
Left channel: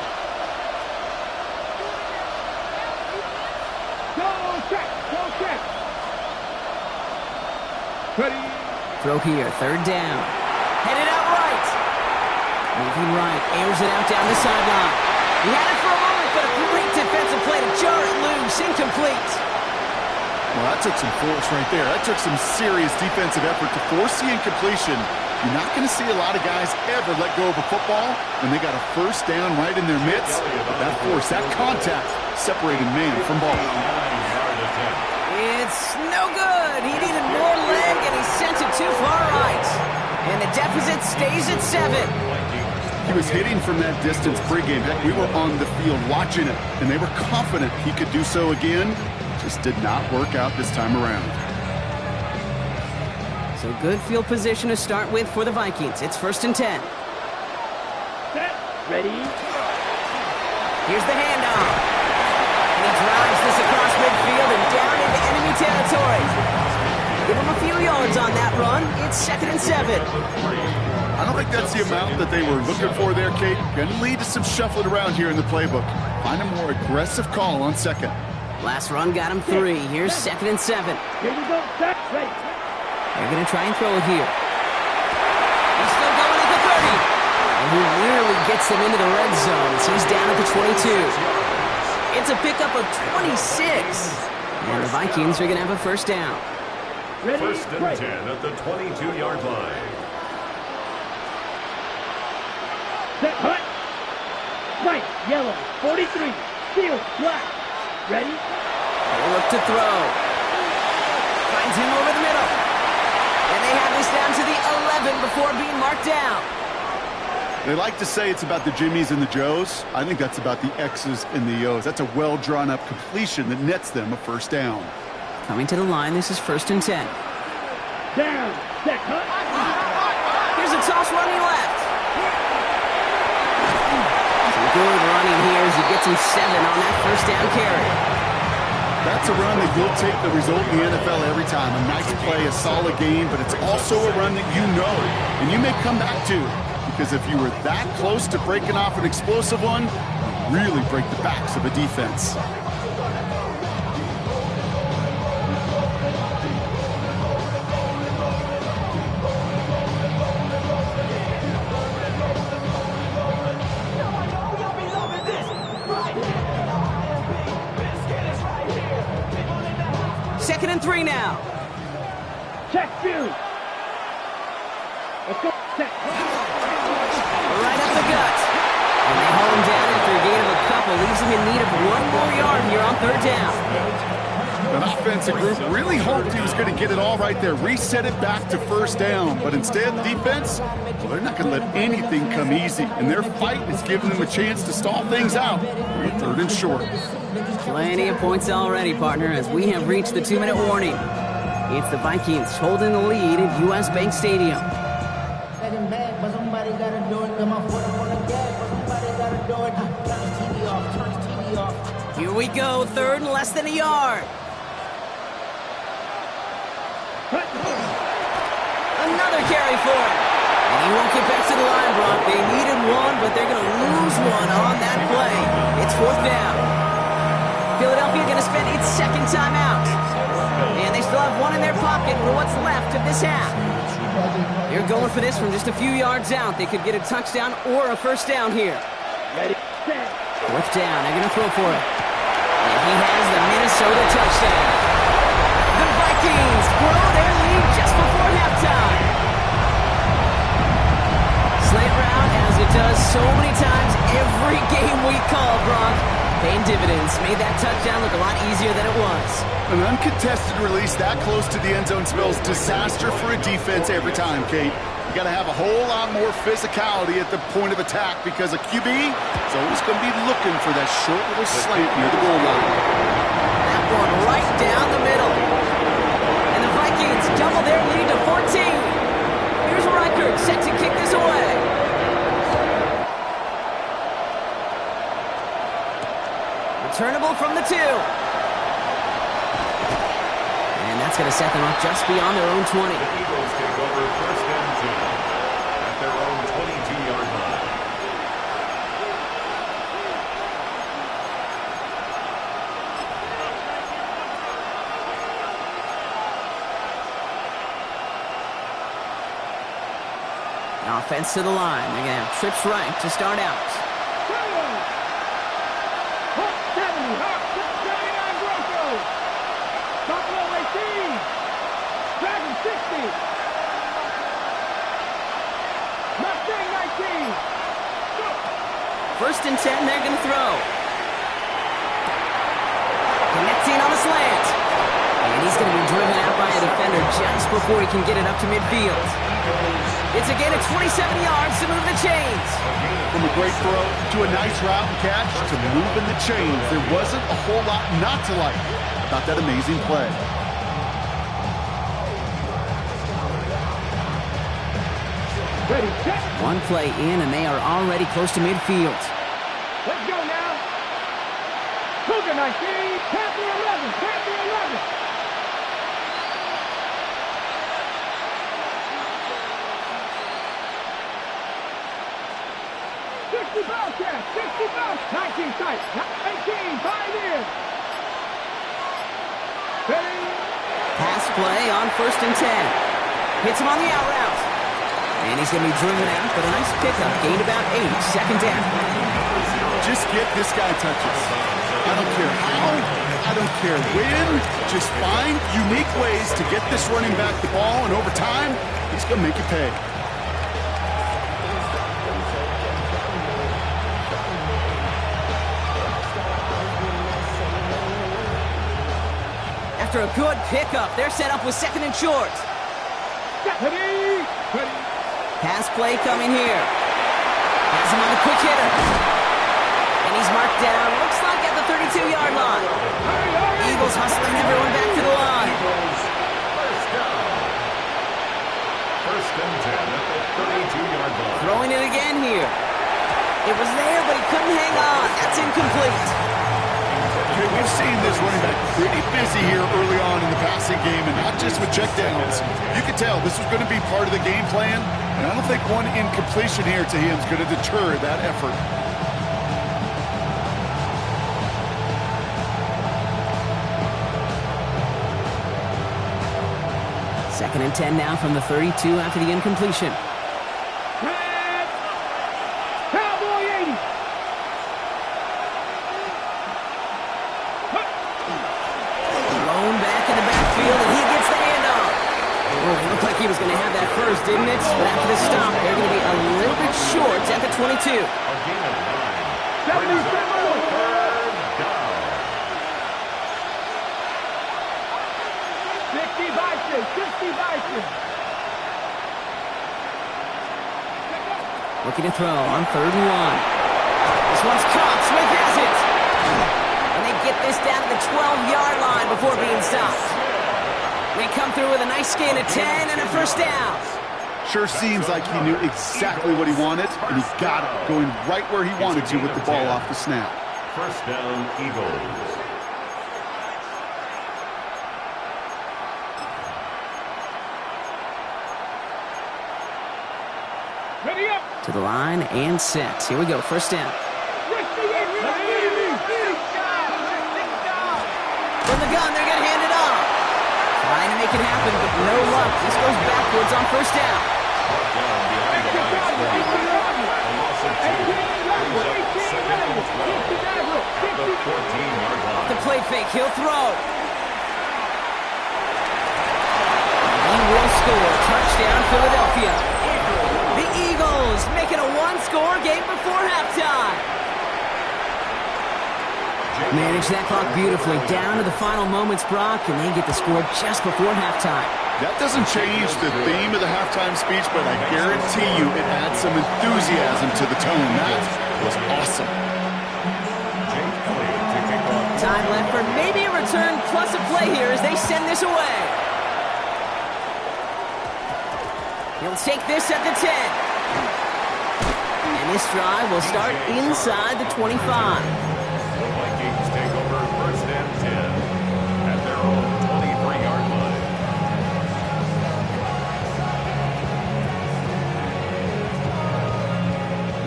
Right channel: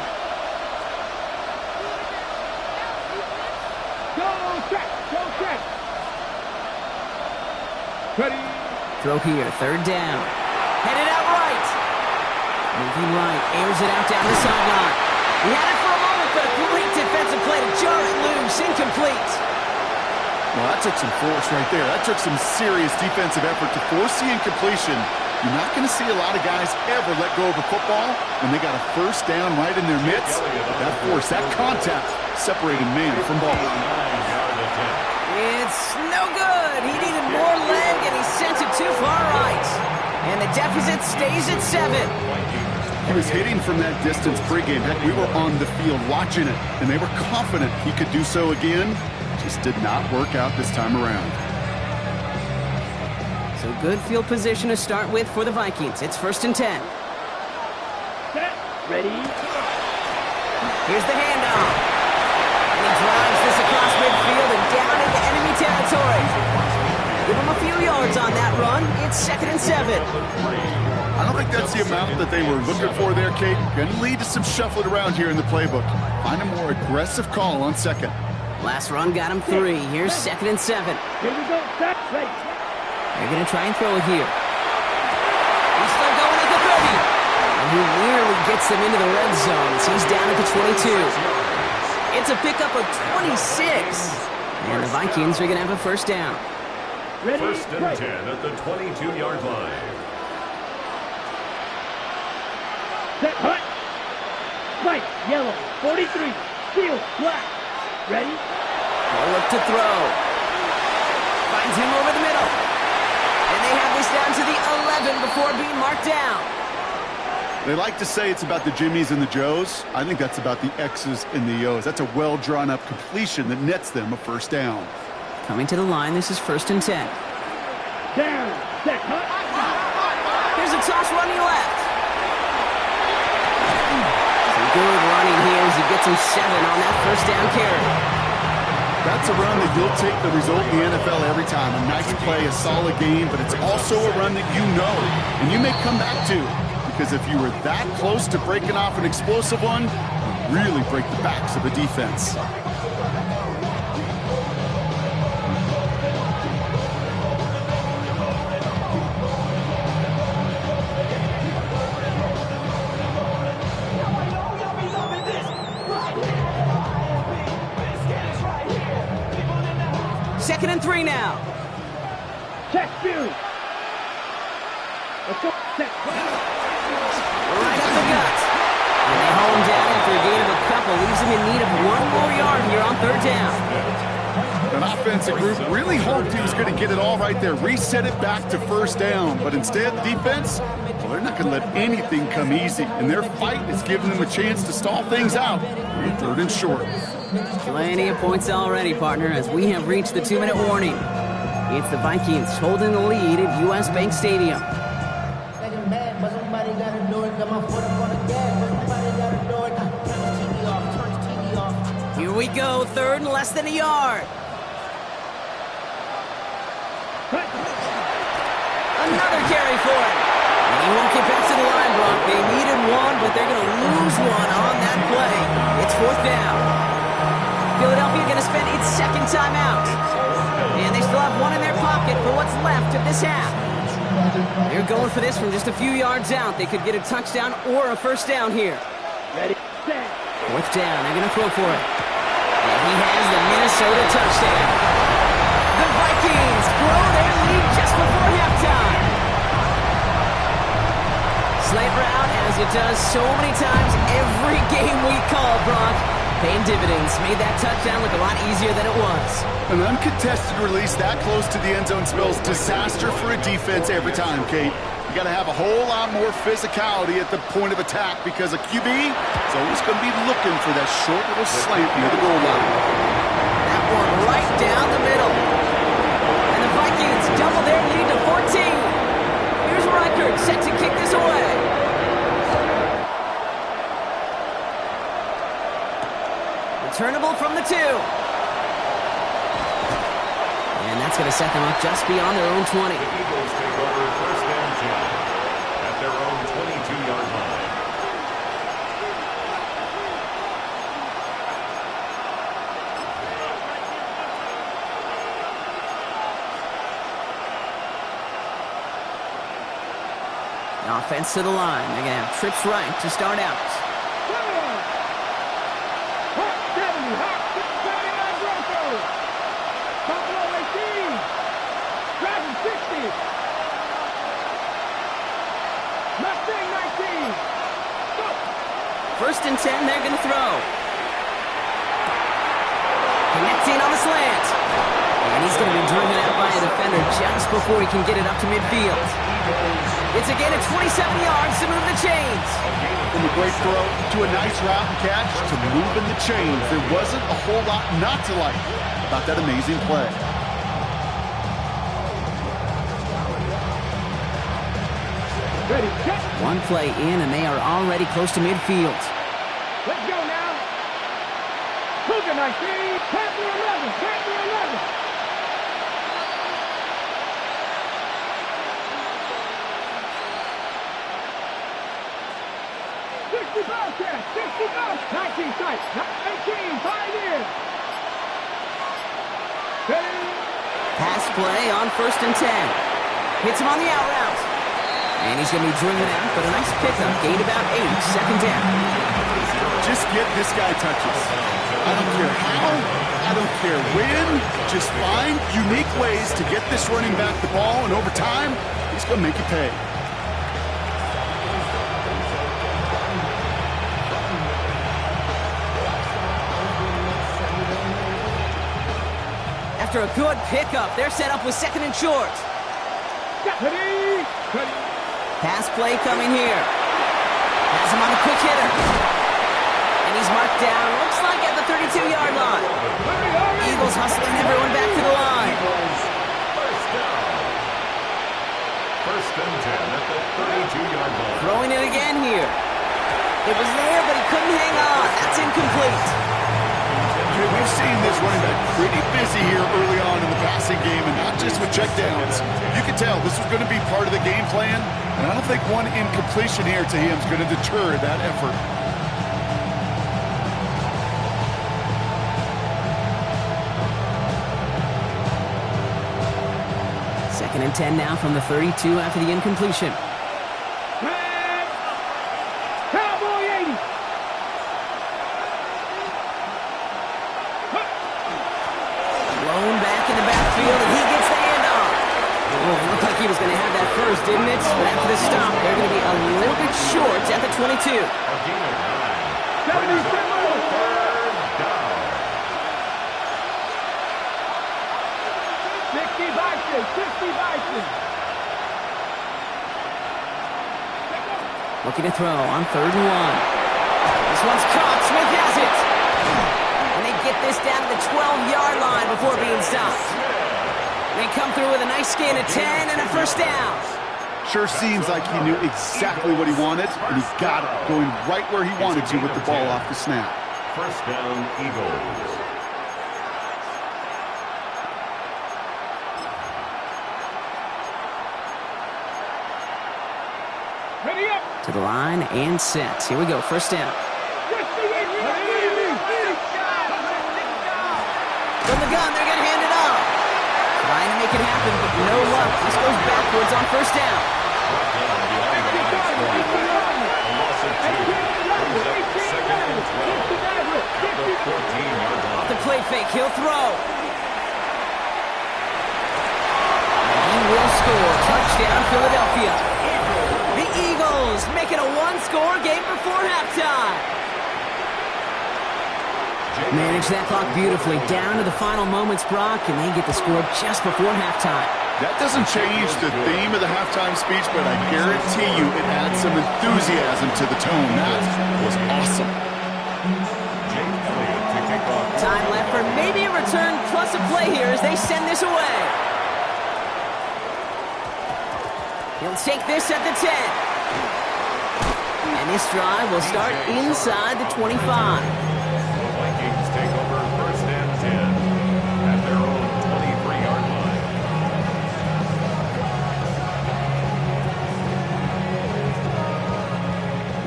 Go check, go check. Ready. Throw here, third down. Headed out right. Moving right, airs it out down the sideline. He had it for a moment, but a great defensive play to jar it loose. Incomplete. Well, that took some force right there. That took some serious defensive effort to force the incompletion. You're not going to see a lot of guys ever let go of a football when they got a first down right in their midst. That force, that contact, separated man from ball. It's no good. He needed more leg, and he sent it too far right. And the deficit stays at 7. He was hitting from that distance pregame. Heck, we were on the field watching it, and they were confident he could do so again. Just did not work out this time around. So good field position to start with for the Vikings. It's first and 10. Set. Ready. Here's the handoff. And he drives this across midfield and down into enemy territory. Give him a few yards on that run. It's second and 7. I don't think that's the amount that they were looking for there, Kate. Going to lead to some shuffling around here in the playbook. Find a more aggressive call on second. Last run got him 3. Here's second and 7. Here we go. Set. Ready. They're going to try and throw it here. He's still going at the 30. And he nearly gets them into the red zone as he's down at the 22. It's a pickup of 26. And the Vikings are going to have a first down. Ready. First and 10 at the 22-yard line. Set. Hut. White. Yellow. 43. Steel. Black. Ready. They look to throw. Finds him over the middle. And they have this down to the 11 before being marked down. They like to say it's about the Jimmies and the Joes. I think that's about the X's and the O's. That's a well-drawn-up completion that nets them a first down. Coming to the line, this is first and 10. Down. Set. Hut. Here's a toss running left. Some good running here as he gets him 7 on that first down carry. That's a run that you'll take the result in the NFL every time. A nice play, a solid game, but it's also a run that you know and you may come back to. Because if you were that close to breaking off an explosive one, you really break the backs of a defense. Second and 3 now. Check Fury. Let's go. Set. Right up the gut. And they haul him down after a gain of a couple. Leaves him in need of 1 more yard here on third down. That offensive group really hoped he was going to get it all right there, reset it back to first down. But instead, defense, well, they're not going to let anything come easy. And their fight is giving them a chance to stall things out on 3rd and short. Plenty of points already, partner, as we have reached the 2-minute warning. It's the Vikings holding the lead at U.S. Bank Stadium. Second bad, but somebody gotta do it. Got my foot up on the gas, but somebody gotta do it. Turn his TV off, turn his TV off. Here we go, 3rd and less than a yard. Another carry for him. And he won't get back to the line, Brock. They needed one, but they're going to lose one on that play. It's 4th down. Philadelphia going to spend its 2nd timeout. And they still have one in their pocket for what's left of this half. They're going for this from just a few yards out. They could get a touchdown or a first down here. Ready, set. 4th down. They're going to throw for it. And he has the Minnesota touchdown. The Vikings grow their lead just before halftime. Slant route, as it does so many times every game we call, Brock. Paying dividends. Made that touchdown look a lot easier than it was. An uncontested release that close to the end zone spells disaster for a defense every time, Kate. You got to have a whole lot more physicality at the point of attack because a QB is always going to be looking for that short little slant near the goal line. That one right down the middle. And the Vikings double their lead to 14. Here's Reichert set to kick this away. Returnable from the 2. And that's going to set them up just beyond their own 20. The Eagles take over 1st and 10 at their own 22-yard line. The offense to the line. They're going to have trips right to start out. Hawk 70, Hawk 79 Broncos. Buffalo 18. Dragon 60. Mustang 19. Go. 1st and 10, they're going to throw. Connecting on the slant. And he's going to be driven out by a defender just before he can get it up to midfield. It's a gain of 27 yards to move the chains. From a great throw to a nice route and catch to moving the chains. There wasn't a whole lot not to like about that amazing play. Ready, set. One play in, and they are already close to midfield. Let's go now. Cougar 19. Panther 11. Panther 11. Bobcat, 60 Bobcat, 19 tight, 19, Pioneers. Ready? Pass play on 1st and 10. Hits him on the out route. And he's going to be driven out, but a nice pickup. Gained about 8, 2nd down. Just get this guy touches. I don't care how, I don't care when. Just find unique ways to get this running back the ball, and over time, he's going to make you pay. After a good pickup, they're set up with 2nd and short. Ready? Ready. Pass play coming here. Has him on the quick hitter. And he's marked down, looks like at the 32-yard line. Hurry, hurry. Eagles hustling everyone back to the line. Eagles, 1st down. 1st and 10 at the 32-yard line. Throwing it again here. It was there, but he couldn't hang on. That's incomplete. Okay, we've seen this running back pretty busy here early on in the passing game, and not just with checkdowns. You can tell this was going to be part of the game plan, and I don't think one incompletion here to him is going to deter that effort. Second and 10 now from the 32 after the incompletion. Red. Cowboy 80. Blown back in the backfield, and he gets the handoff. Oh, it looked like he was going to have that first, didn't it? But after the stop, they're going to be a little bit short at the 22. A gain of 9. Brings up 3rd down. 60 Bison. Looking to throw on 3rd and 1. This one's caught. Smith has it. And they get this down to the 12-yard line before being stopped. They come through with a nice gain of 10 and a first down. Sure seems like he knew exactly what he wanted, and he got it, going right where he wanted to with the ball off the snap. First down, Eagles. Ready up. To the line and set. Here we go. First down. From the gun, they're going to hand it off. Trying to make it happen, but no luck. This goes backwards on first down. Brought down behind the line of scrimmage. A loss of 2. Brings up 2nd and 12. At the 14-yard line. The play fake. He'll throw. He will score. Touchdown, Philadelphia. The Eagles making a one-score game before halftime. Manage that clock beautifully. Down to the final moments, Brock, and they get the score just before halftime. That doesn't change the theme of the halftime speech, but I guarantee you it adds some enthusiasm to the tone. That was awesome. Jake Elliott to kick off. Time left for maybe a return plus a play here as they send this away. He'll take this at the 10. And this drive will start inside the 25. The Vikings take over 1st and 10 at their own 23-yard line.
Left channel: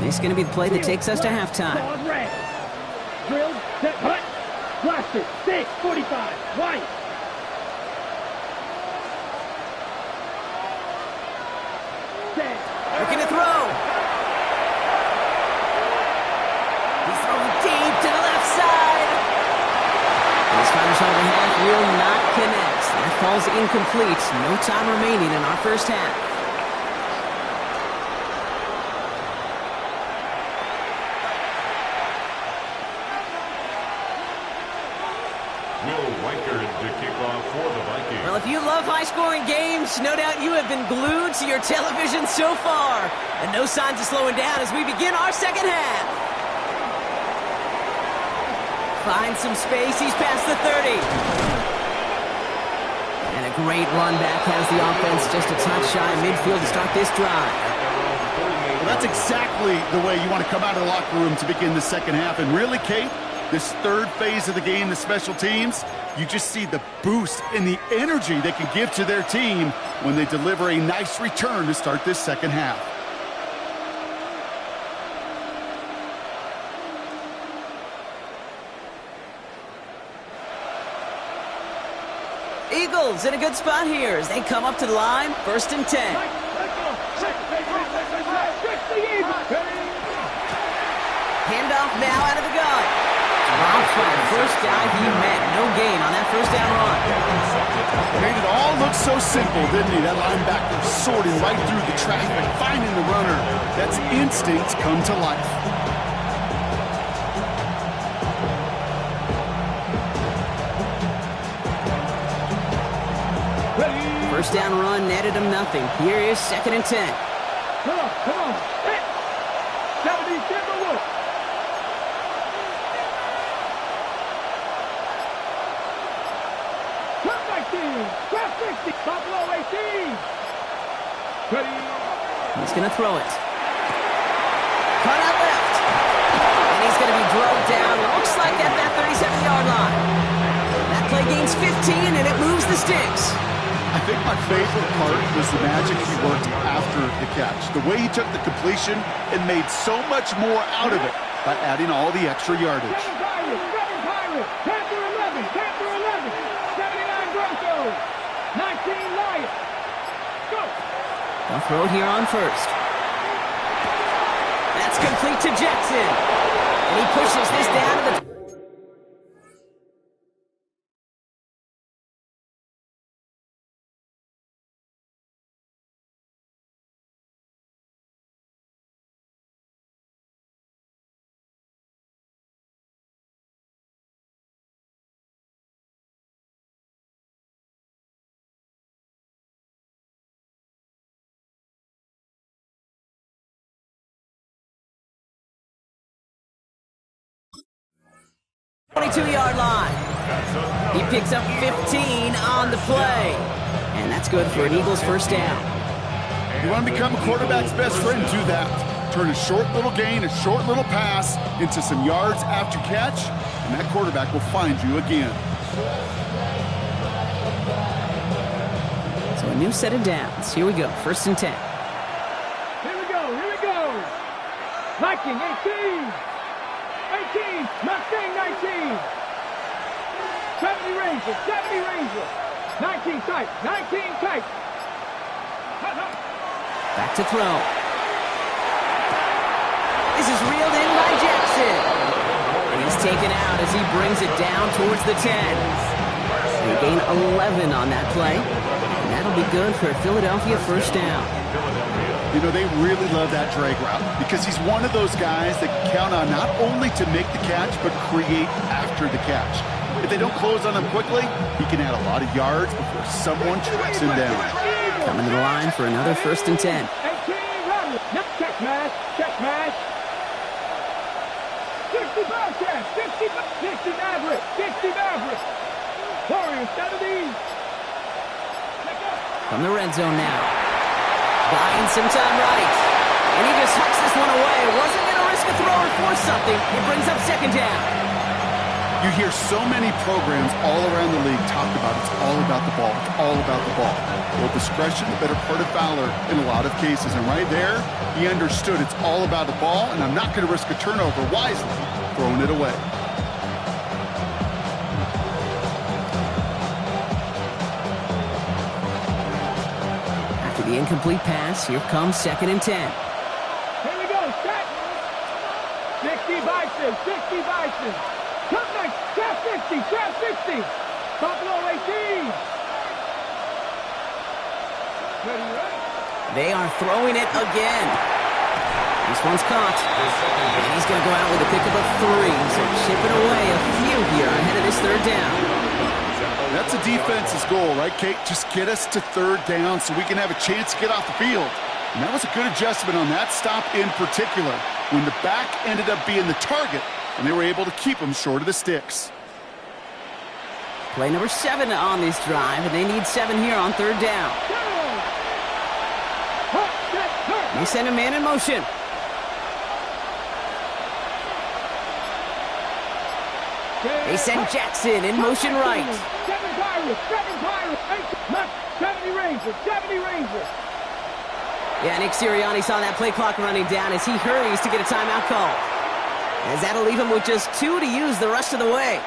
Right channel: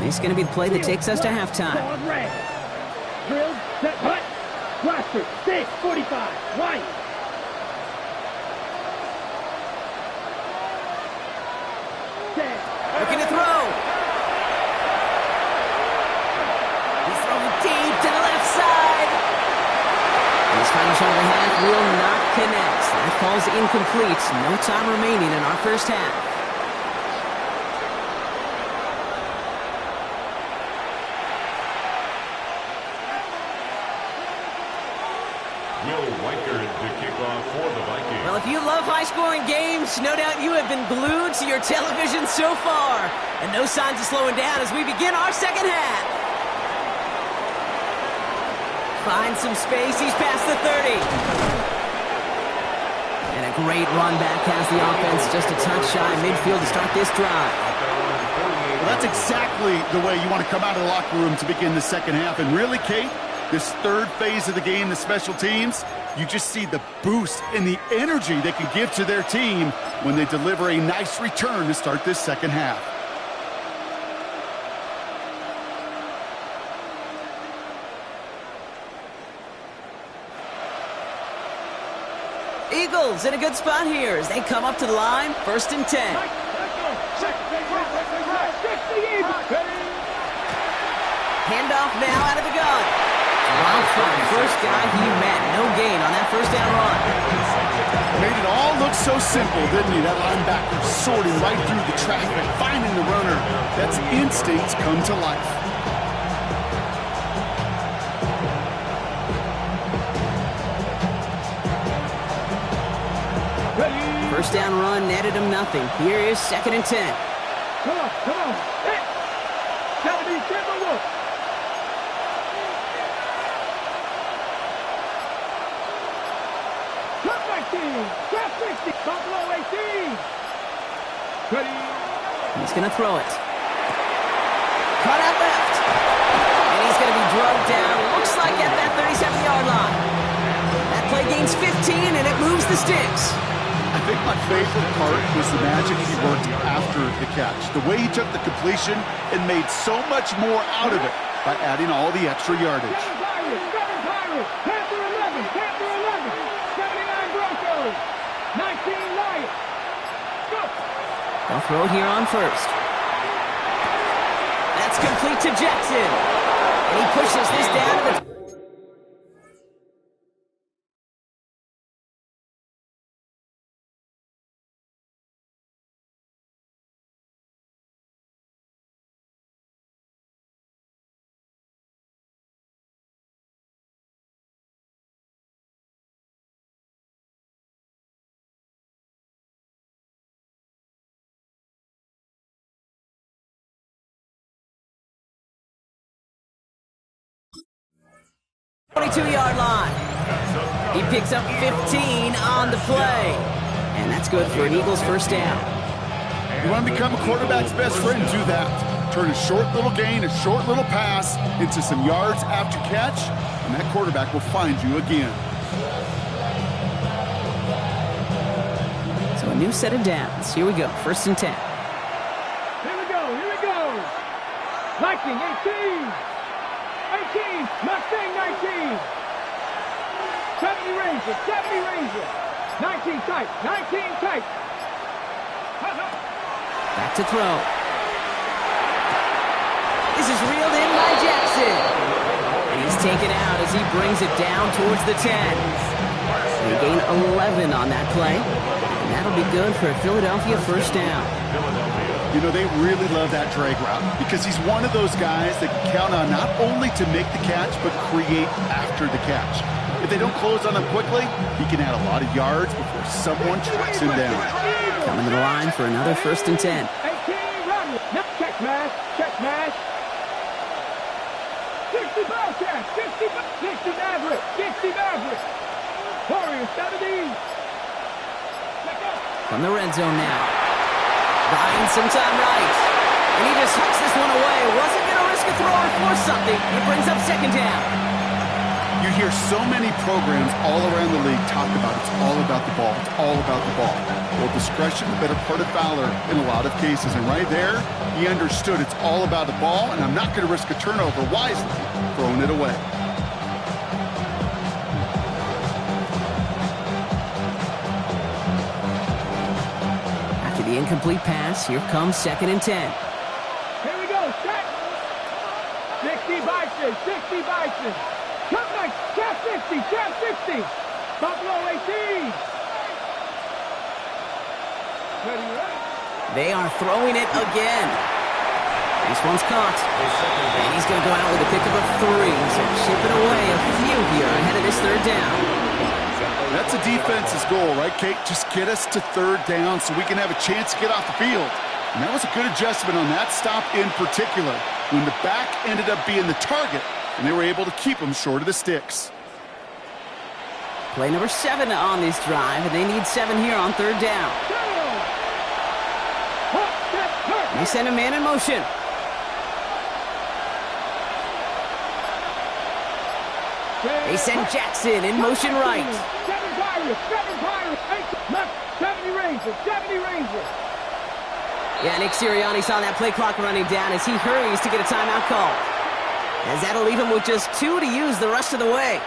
This is going to be the play that takes us to halftime. Drilled, set, hut, blaster, stick, 45, white. Looking to throw. He's throwing deep to the left side. And his final shot of the half will not connect. That falls incomplete. No time remaining in our first half. Will Reichard to kick off for the Vikings. Well, if you love high-scoring games, no doubt you have been glued to your television so far. And no signs of slowing down as we begin our second half. Finds some space. He's past the 30. And a great run back has the offense just a touch shy of midfield to start this drive. Well, that's exactly the way you want to come out of the locker room to begin the second half. And really, Kate, this third phase of the game, the special teams, you just see the boost and the energy they can give to their team when they deliver a nice return to start this second half. Eagles in a good spot here as they come up to the line. 1st and 10. Handoff now out of the gun. Dropped by the first guy he met. No gain on that first down run. Made it all look so simple, didn't he? That linebacker sorting right through the traffic, finding the runner. That's instincts come to life. First down run netted him nothing. Here is 2nd and 10. Come on. Hit. 70, Timberwolf. Cut 19, cut 60, Buffalo 18. Ready. He's going to throw it. Cut out left. And he's going to be drugged down. Looks like at that 37-yard line. That play gains 15, and it moves the sticks. I think my favorite part was the magic he worked after the catch. The way he took the completion and made so much more out of it by adding all the extra yardage. 7 Pirates, Panther 11, 79 Broncos, 19 Lions. Go. They'll throw it here on 1st. That's complete to Jackson. And he pushes this down to the 22-yard line. He picks up 15 on the play. And that's good for an Eagles first down. You want to become a quarterback's best friend, do that. Turn a short little gain, a short little pass into some yards after catch, and that quarterback will find you again. So a new set of downs. Here we go, 1st and 10. Here we go. Viking 18. Mustang 19. 70 Ranger. 19 tight. Back to throw. This is reeled in by Jackson. And he's taken out as he brings it down towards the 10. They gain 11 on that play. And that'll be good for a Philadelphia first down. You know, they really love that drag route because he's one of those guys that can count on not only to make the catch, but create after the catch. If they don't close on him quickly, he can add a lot of yards before someone tracks him down. Coming to the line for another 1st and 10. 18, check smash. 60 Bearcats, 60 Mavericks. Warriors 70. From the red zone now. Buying some time right. And he just hucks this one away. Wasn't going to risk a throw or force something. It brings up 2nd down. You hear so many programs all around the league talk about it's all about the ball. It's all about the ball. Well, discretion, the better part of valor in a lot of cases. And right there, he understood it's all about the ball, and I'm not going to risk a turnover wisely, throwing it away. After the incomplete pass, here comes 2nd and 10. Here we go, set. 60 Bison. Come next, trap 60. Buffalo 18. Ready? They are throwing it again. This one's caught. And he's going to go out with a pickup of 3. So chipping away a few here ahead of this 3rd down. That's a defense's goal, right, Kate? Just get us to 3rd down so we can have a chance to get off the field. And that was a good adjustment on that stop in particular, when the back ended up being the target, and they were able to keep him short of the sticks. Play number 7 on this drive, and they need 7 here on 3rd down. They send a man in motion. They send Jackson in motion right. 7 Pirates, 70 Rangers. Yeah, Nick Sirianni saw that play clock running down as he hurries to get a timeout called. As that'll leave him with just 2 to use the rest of the way.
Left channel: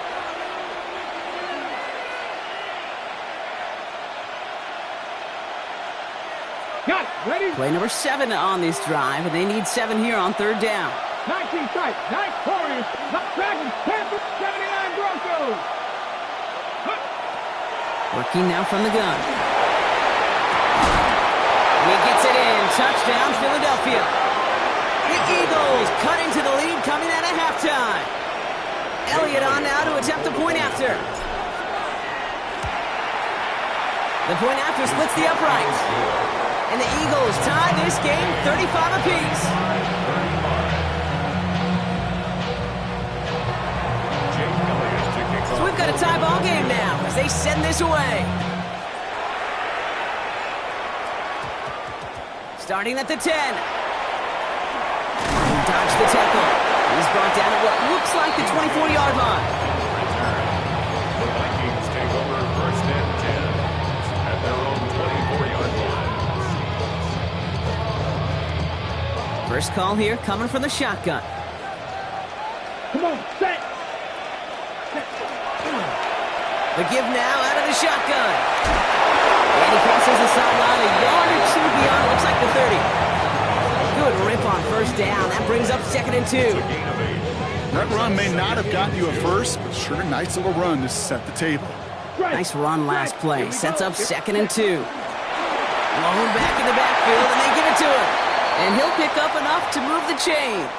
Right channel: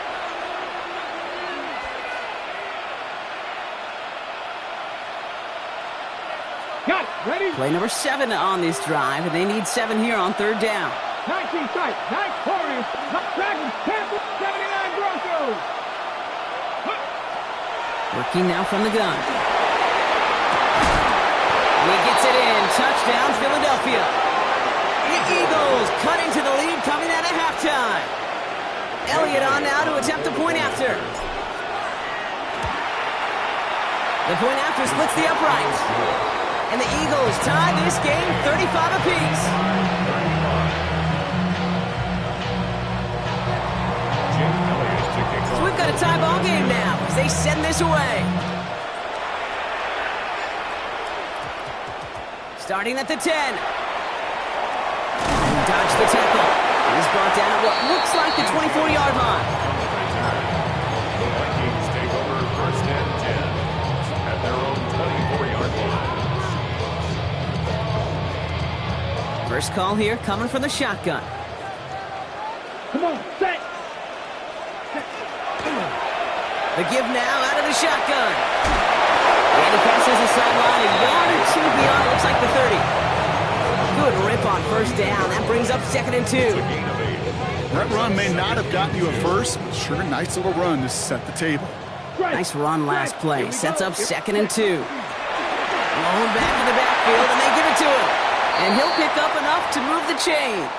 Got it. Ready? Play number 7 on this drive, and they need 7 here on 3rd down. 19 tight. 9 Warriors. Dragons. Panthers. 79 Broncos. Working now from the gun. And he gets it in. Touchdown, Philadelphia. The Eagles cut into the lead coming out of halftime. Elliott on now to attempt the point after. The point after splits the uprights. And the Eagles tie this game 35 apiece. So we've got a tie ball game now as they send this away. Starting at the 10. And dodged the tackle. He's brought down at what looks like the 24-yard line. The Vikings take over 1st and 10 at their own 24-yard line. First call here coming from the shotgun. Come on, set. The give now out of the shotgun. And he crosses the sideline a yard or 2 beyond, it looks like the 30. Good rip on 1st down. That brings up 2nd and 2. That run may not have gotten you a first, but sure, nice little run to set the table. Nice run last play. Sets up 2nd and 2. Blown back in the backfield, and they give it to him. And he'll pick up enough to move the chains.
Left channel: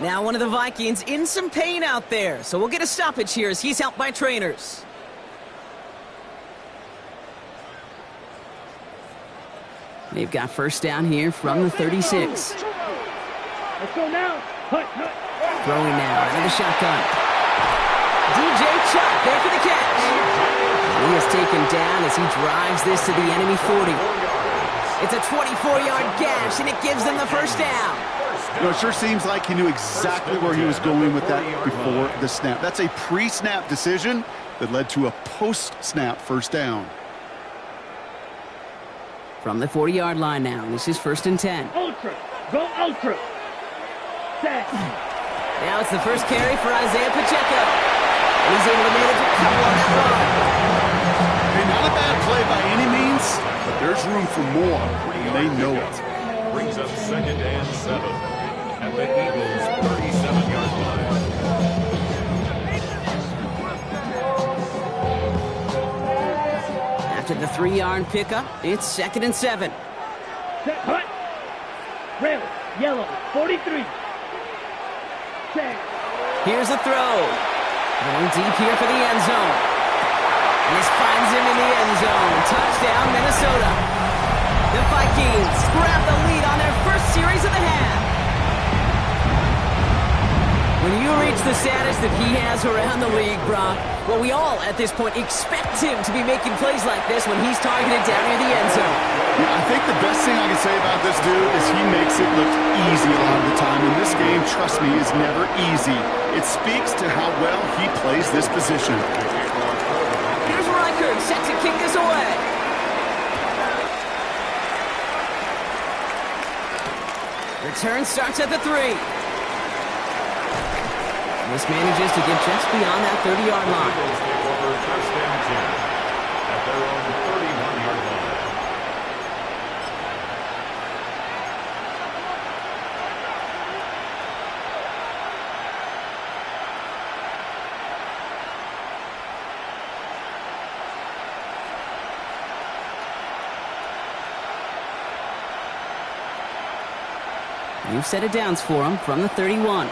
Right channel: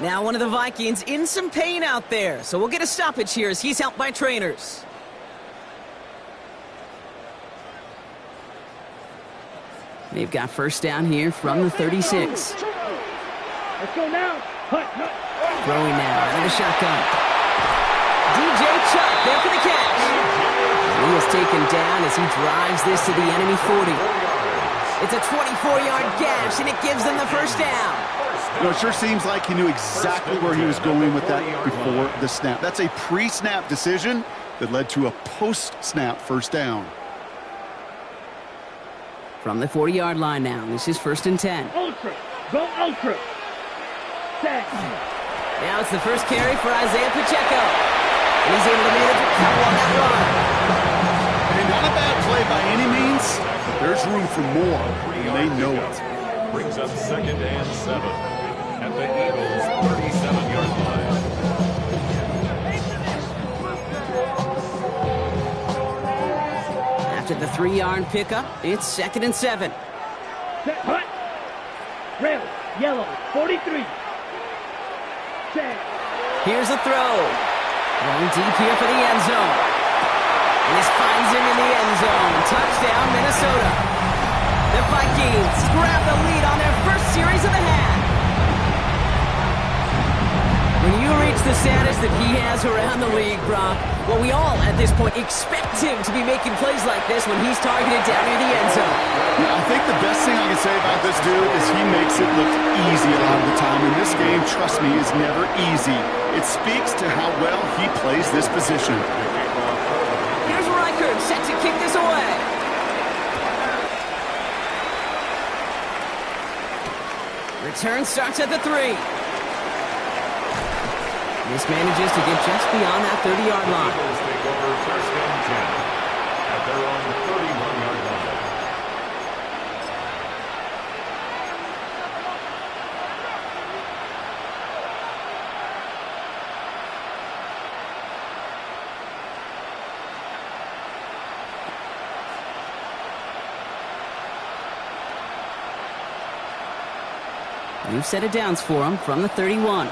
Now one of the Vikings in some pain out there. So we'll get a stoppage here as he's helped by trainers. They've got 1st down here from the 36. Let's go now. Hut. Throwing now out of the shotgun. DJ Chuck there for the catch. And he is taken down as he drives this to the enemy 40. It's a 24-yard gash, and it gives them the first down. You know, it sure seems like he knew exactly where he was going with that before the snap. That's a pre-snap decision that led to a post-snap first down. From the 40-yard line now, this is 1st and 10. Ultra. Go ultra. Set. Now it's the first carry for Isaiah Pacheco. And he's able to manage a couple on that run. Hey, not a bad play by any means, but there's room for more, and they know it. Brings up 2nd and 7 at the Eagles' 37-yard line. After the 3-yard pickup, it's 2nd and 7. Set. Hut. Red. Yellow. 43. Set. Here's a throw. Going deep here for the end zone. And this finds him in the end zone. Touchdown, Minnesota. The Vikings grab the lead on their first series of the half. When you reach the status that he has around the league, Brock, well, we all at this point expect him to be making plays like this when he's targeted down near the end zone. Yeah, I think the best thing I can say about this dude is he makes it look easy a lot of the time. And this game, trust me, is never easy. It speaks to how well he plays this position. Here's Reichert set to kick this away. Return starts at the 3. This manages to get just beyond that 30-yard line. Eagles take over 1st and 10 at their own 31-yard line. New set of downs for him from the 31.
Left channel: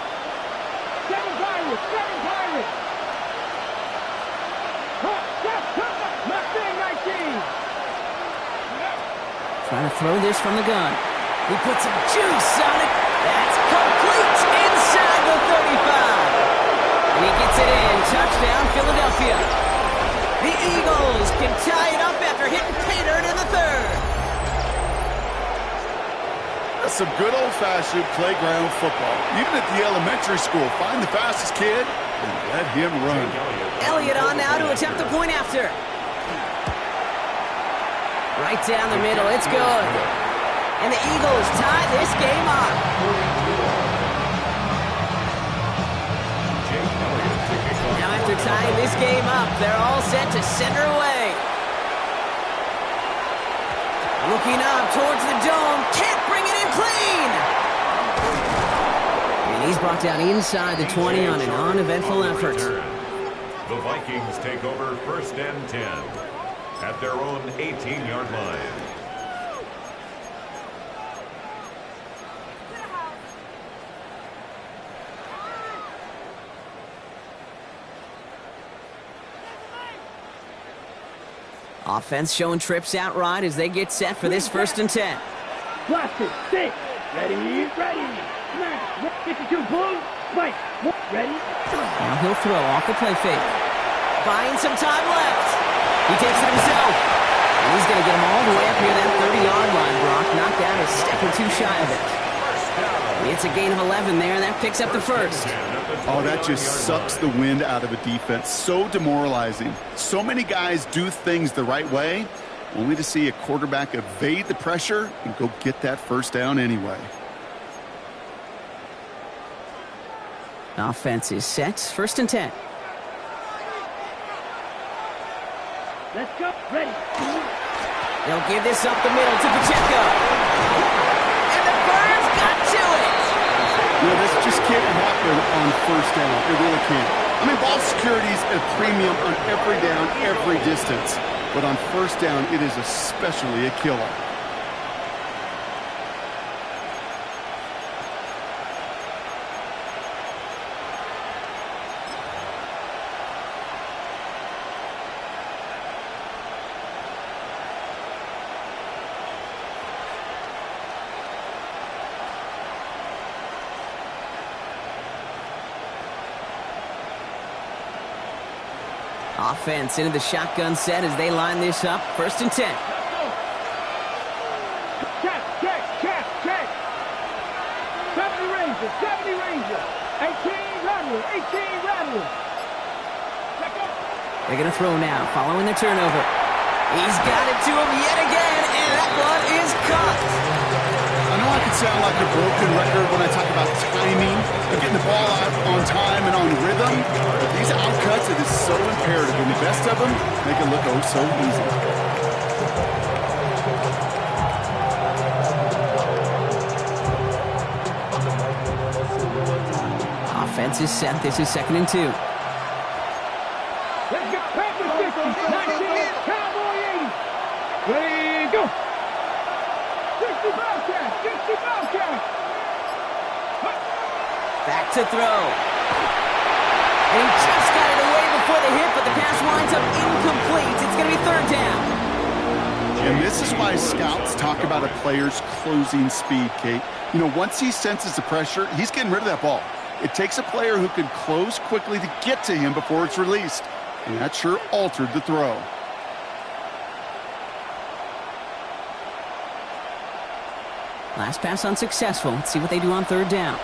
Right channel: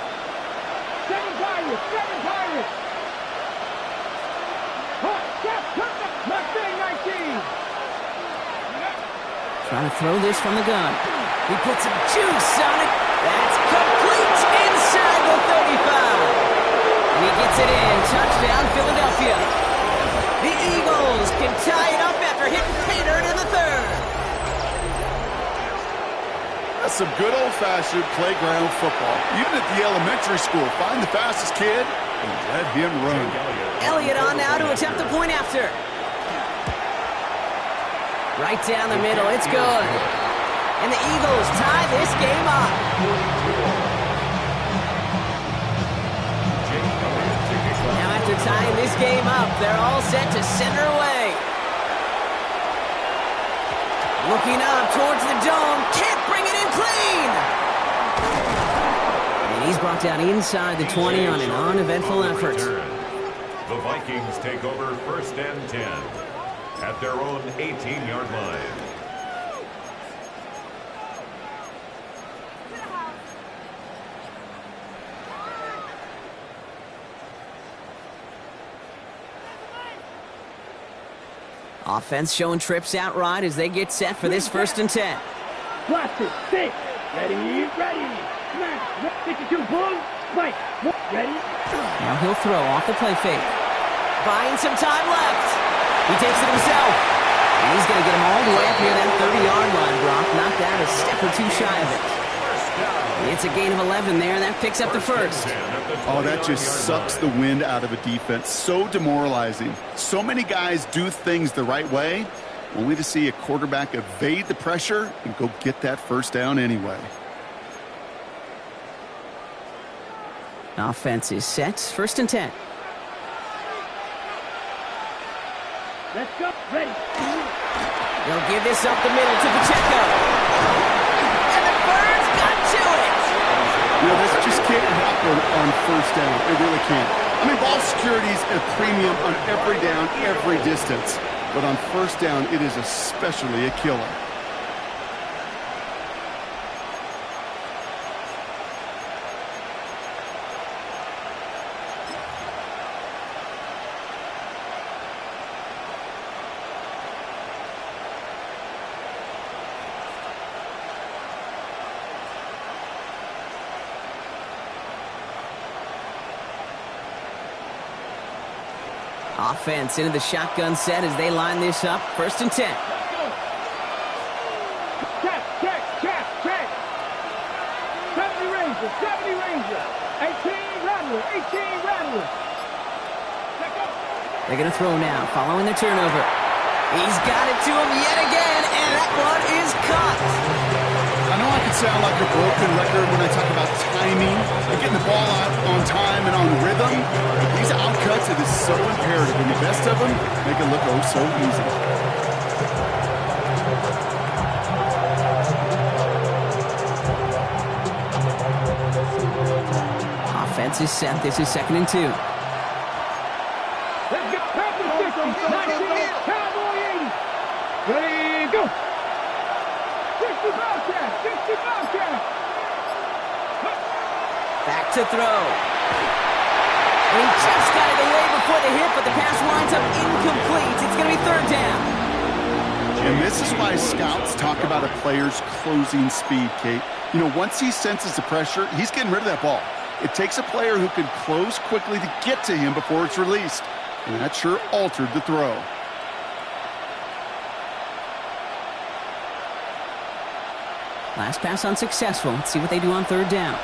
7 Pirates. 7 Pirates. Hut. Mustang 19. Trying to throw this from the gun. He puts some juice on it. That's complete inside the 35. And he gets it in. Touchdown, Philadelphia. The Eagles can tie it up after hitting pay dirt in the 3rd. That's some good old-fashioned playground football. Even at the elementary school, find the fastest kid and let him run. Elliott on now to attempt the point after. Right down the middle, it's good. And the Eagles tie this game up. Now after tying this game up, they're all set to center away. Looking up towards the dome, can't bring it in clean. And he's brought down inside the 20 on an uneventful effort. The Vikings take over 1st and 10 at their own 18-yard line. Offense showing trips out right as they get set for this 1st and 10. Blasted. 6. Ready. Smash. 52. Boom. Spike. Ready. Now he'll throw off the play fake. Buying some time left. He takes it himself. And he's going to get him all the way up near that 30-yard line, Brock. Knocked out a step or two shy of it. It's a gain of 11 there. That picks up the 1st. Oh, that just sucks the wind out of a defense. So demoralizing. So many guys do things the right way, only to see a quarterback evade the pressure and go get that first down anyway. Offense is set. 1st and 10. Let's go. Ready. They'll give this up the middle to Pacheco. And the Birds got to it. You know, this just can't happen on first down. It really can't. I mean, ball security is a premium on every down, every distance. But on first down, it is especially a killer. Offense into the shotgun set as they line this up. 1st and 10. Check. 70 Ranger. 18 Rattler. They're going to throw now, following the turnover. He's got it to him yet again, and that one is caught. I know I can sound like a broken record when I talk about timing and getting the ball out on time and on rhythm, but these outcuts, it is so imperative, and the best of them make it look oh so easy. Offense is set. This is 2nd and 2. Let's go. Packers 50, 19, Cowboy 80. Ready, go. 60 Bobcat. Back to throw. And he just got it away before the hit, but the pass winds up incomplete. It's going to be 3rd down. And this is why scouts talk about a player's closing speed, Kate. You know, once he senses the pressure, he's getting rid of that ball. It takes a player who can close quickly to get to him before it's released. And that sure altered the throw. Last pass unsuccessful. Let's see what they do on 3rd down.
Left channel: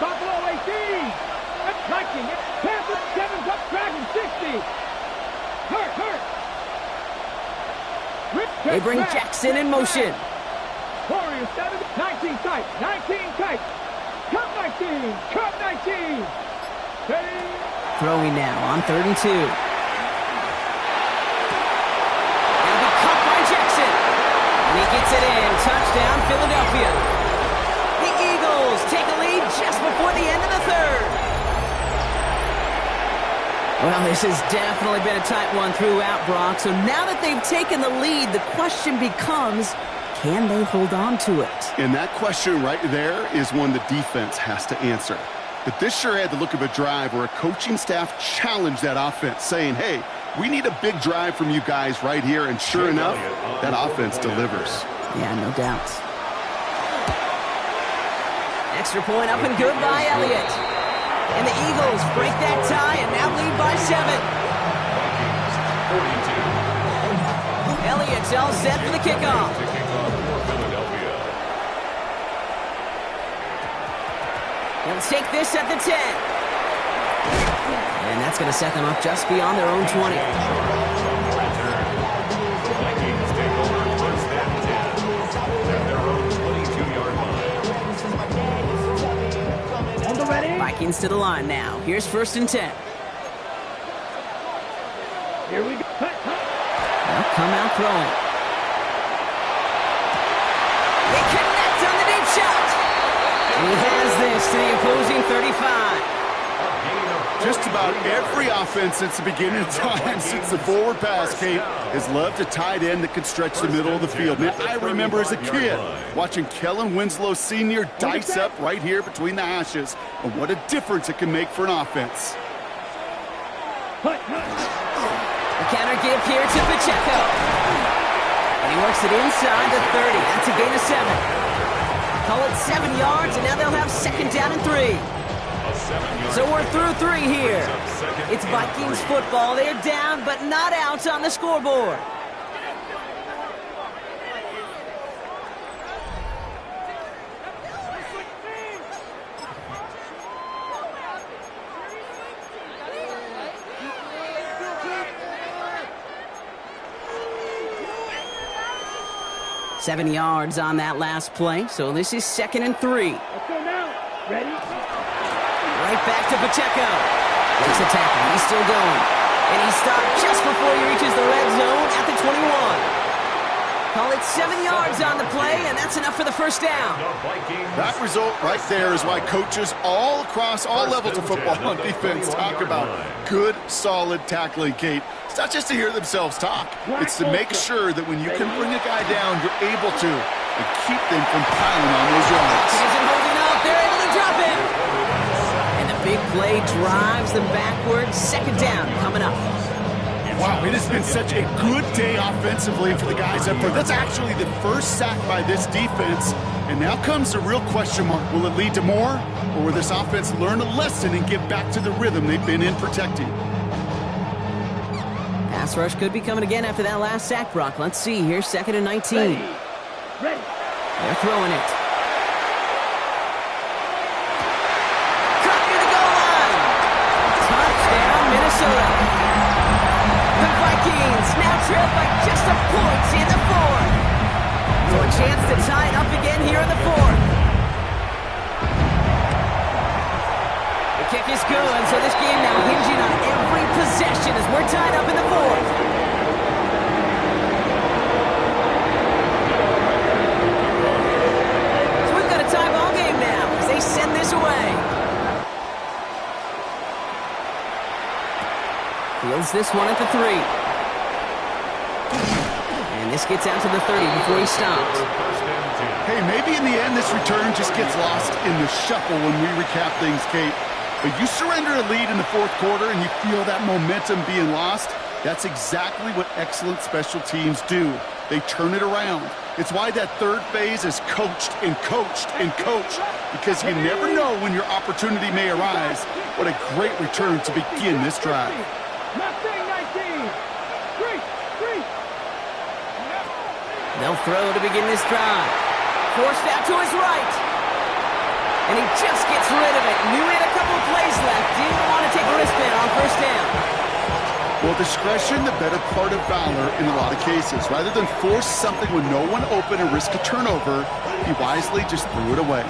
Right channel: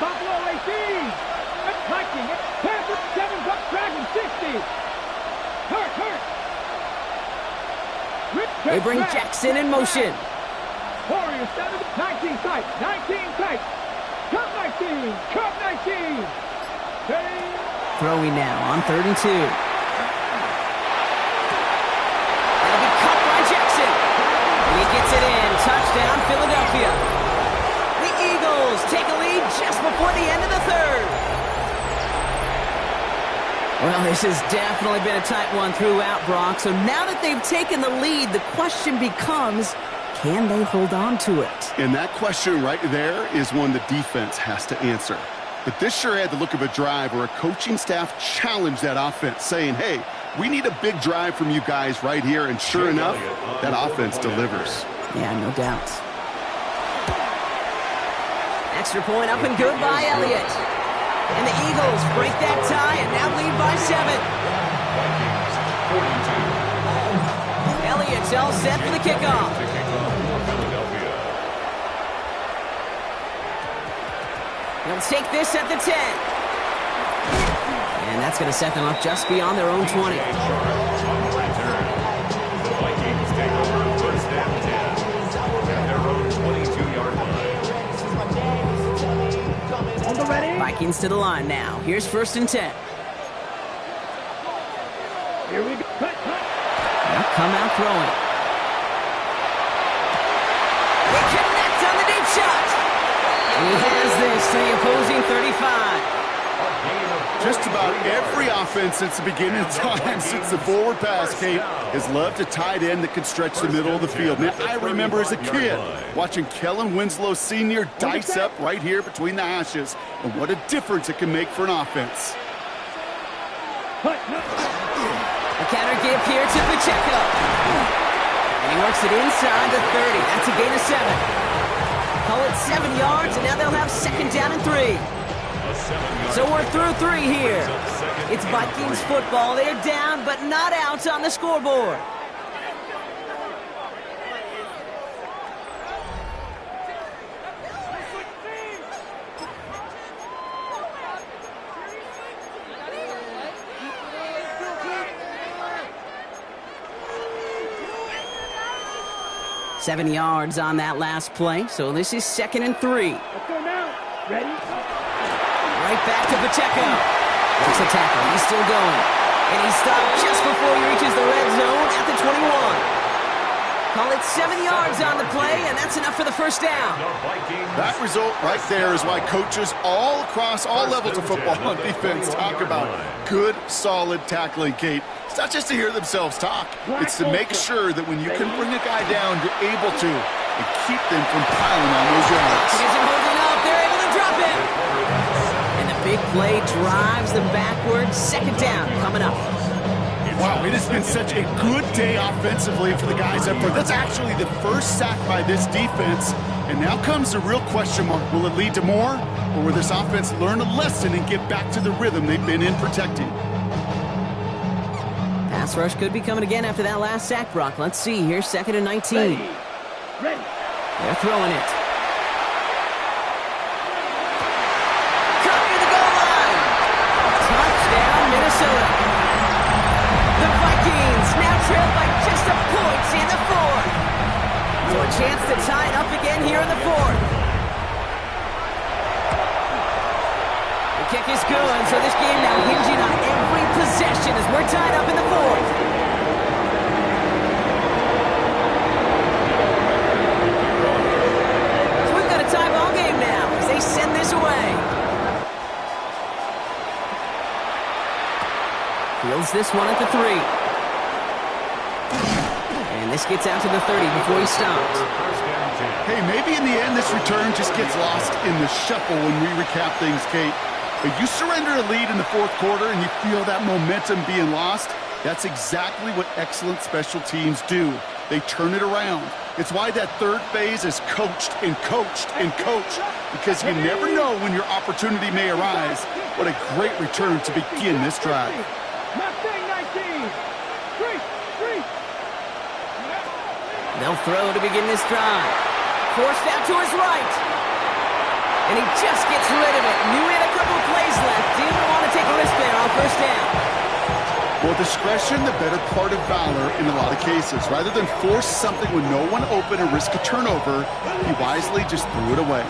Buffalo 18. Viking. Panthers 7's up. Dragon 60. Hurt. They bring Jackson in motion. Warriors 7, 19 tight. Cup 19. Ready. Throwing now on 3rd and 2. That'll be caught by Jackson. And he gets it in. Touchdown, Philadelphia. The Eagles take a lead just before the end of the 3rd. Well, this has definitely been a tight one throughout, Brock. So now that they've taken the lead, the question becomes, can they hold on to it? And that question right there is one the defense has to answer. But this sure had the look of a drive where a coaching staff challenged that offense, saying, hey, we need a big drive from you guys right here. And sure enough, that offense delivers. Yeah, no doubt. Extra point up and good by Elliott. And the Eagles break that tie and now lead by 7. Vikings 42. Elliott's all set for the kickoff. To kick off for Philadelphia. He'll take this at the 10. And that's going to set them up just beyond their own 20. The Vikings take over 1st and 10 at their own 22-yard line. On the ready. Vikings to the line now. Here's 1st and 10. Here we go. They'll come out throwing. They connect on the deep shot. And he has this to the opposing 35. Just about every offense since the beginning of time, since the forward pass, Kate, has loved a tight end that can stretch the middle of the field. Man, I remember as a kid watching Kellen Winslow Sr. dice up right here between the hashes, and what a difference it can make for an offense. The counter give here to Pacheco. And he works it inside the 30. That's a gain of 7. Call it 7 yards, and now they'll have 2nd down and 3. So we're through 3 here. It's Vikings football. They're down, but not out on the scoreboard. Seven yards on that last play, so this is 2nd and 3. Let's go now. Ready? Right back to Pacheco. Makes a tackle. He's still going. And he stopped just before he reaches the red zone at the 21. Call it 7 yards on the play, and that's enough for the 1st down. That result right there is why coaches all across all levels of football and defense talk about good, solid tackling, Kate. It's not just to hear themselves talk. It's to make sure that when you can bring a guy down, you're able to and keep them from piling on those yards. He isn't holding up. They're able to drop him. And the big play drives them backwards. 2nd down coming up. Wow, it has been such a good day offensively for the guys up front. That's actually the first sack by this defense. And now comes the real question mark. Will it lead to more? Or will this offense learn a lesson and get back to the rhythm they've been in protecting? Pass rush could be coming again after that last sack, Brock. Let's see here. 2nd and 19. Ready. They're throwing it. Caught near the goal line. Touchdown, Minnesota. The Vikings now trail by just a point in the 4th. So a chance to tie it up again here in the 4th. The kick is good, so this game now hinging on every possession as we're tied up in the 4th. So we've got a tie ball game now as they send this away. Fields this one at the 3. And this gets out to the 30 before he stops. Hey, maybe in the end this return just gets lost in the shuffle when we recap things, Kate. But you surrender a lead in the 4th quarter and you feel that momentum being lost. That's exactly what excellent special teams do. They turn it around. It's why that 3rd phase is coached and coached and coached, because you never know when your opportunity may arise. What a great return to begin this drive. Mustang 19. 3. They'll throw to begin this drive. Forced out to his right. And he just gets rid of it. Knew he had a couple of plays left. Didn't want to take a risk there on 1st down. Well, discretion, the better part of valor in a lot of cases. Rather than force something with no one open and risk a turnover, he wisely just threw it away.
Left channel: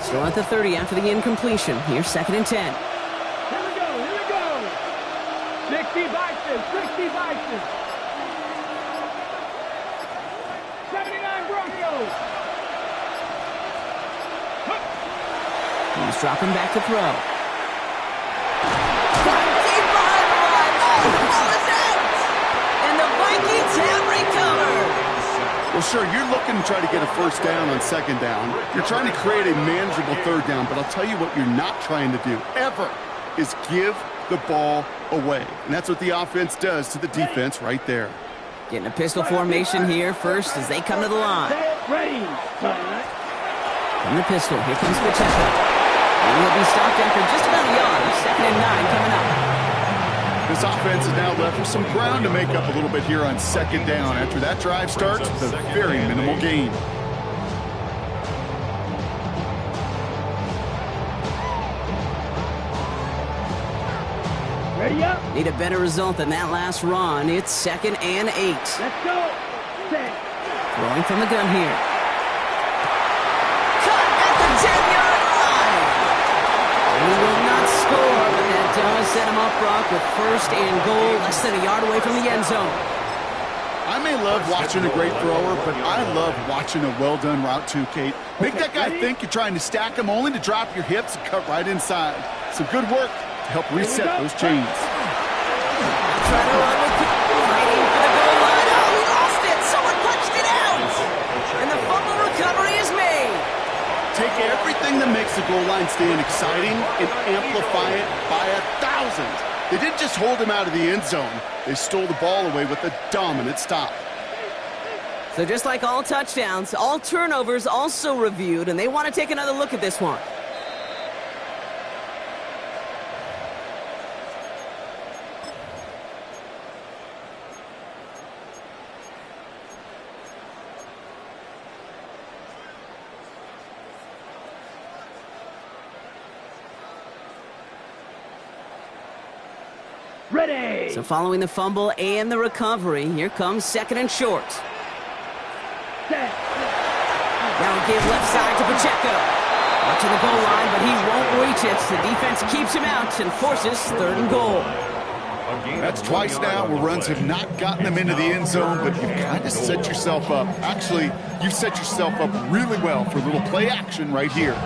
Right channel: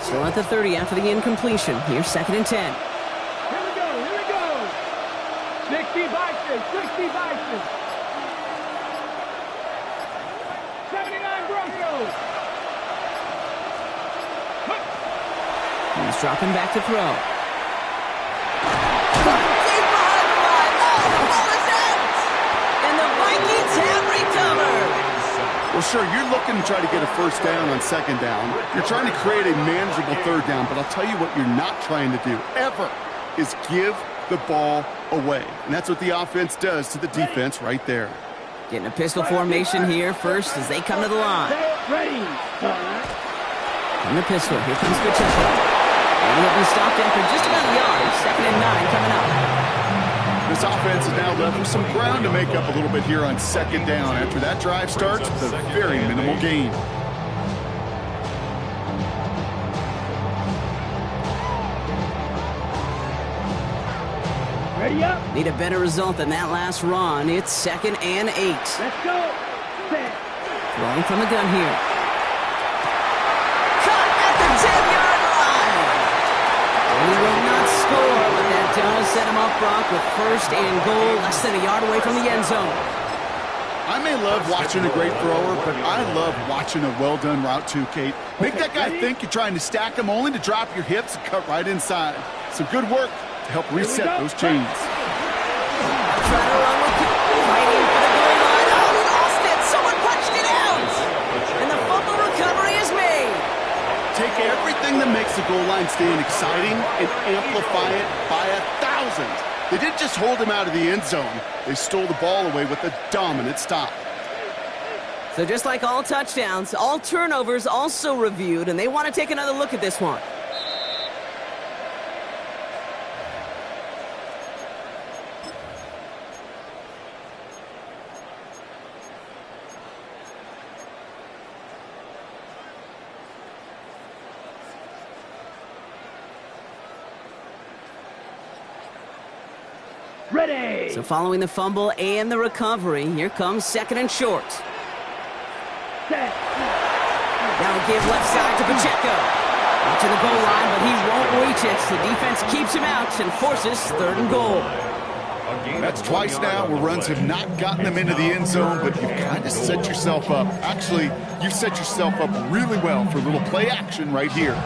Still at the 30 after the incompletion. Here's 2nd and 10. Here we go. 60 Bison. 79 Broncos. He's dropping back to throw. Deep behind the line. Oh, the ball is out! And the Vikings have recovered. Well, sure, you're looking to try to get a 1st down on 2nd down. You're trying to create a manageable 3rd down, but I'll tell you what you're not trying to do, ever, is give the ball away. And that's what the offense does to the defense right there. Getting a pistol formation here first as they come to the line. Ready. From the pistol, here comes Pacheco. And he'll be stopped after just about a yard. 2nd and 9 coming up. This offense is now left with some ground to make up a little bit here on 2nd down after that drive starts with a very minimal gain. Ready up. Need a better result than that last run. It's 2nd and 8. Let's go. Set. Throwing from the gun here. Cut at the 10-yard line. And he will not score, but that does set him up, Brock, with 1st and goal, less than a yard away from the end zone. I may love watching a great thrower, but I love watching a well-done route too, Kate. Make that guy think you're trying to stack him only to drop your hips and cut right inside. Some good work to help reset those chains. Trying to run with fighting for the goal line. Oh, he lost it. Someone punched it out. And the fumble recovery is made. Take everything that makes the goal line stand exciting and amplify it by 1,000. They didn't just hold him out of the end zone. They stole the ball away with a dominant stop. So just like all touchdowns, all turnovers also reviewed, and they want to take another look at this one. Ready. So following the fumble and the recovery, here comes 2nd and short. Set. Now a give left side to Pacheco. Watching the goal line, but he won't reach it. The defense keeps him out and forces 3rd and goal. That's twice now where runs have not gotten them into the end zone, but you've kind of set yourself up. Actually, you've set yourself up really well for a little play action right here.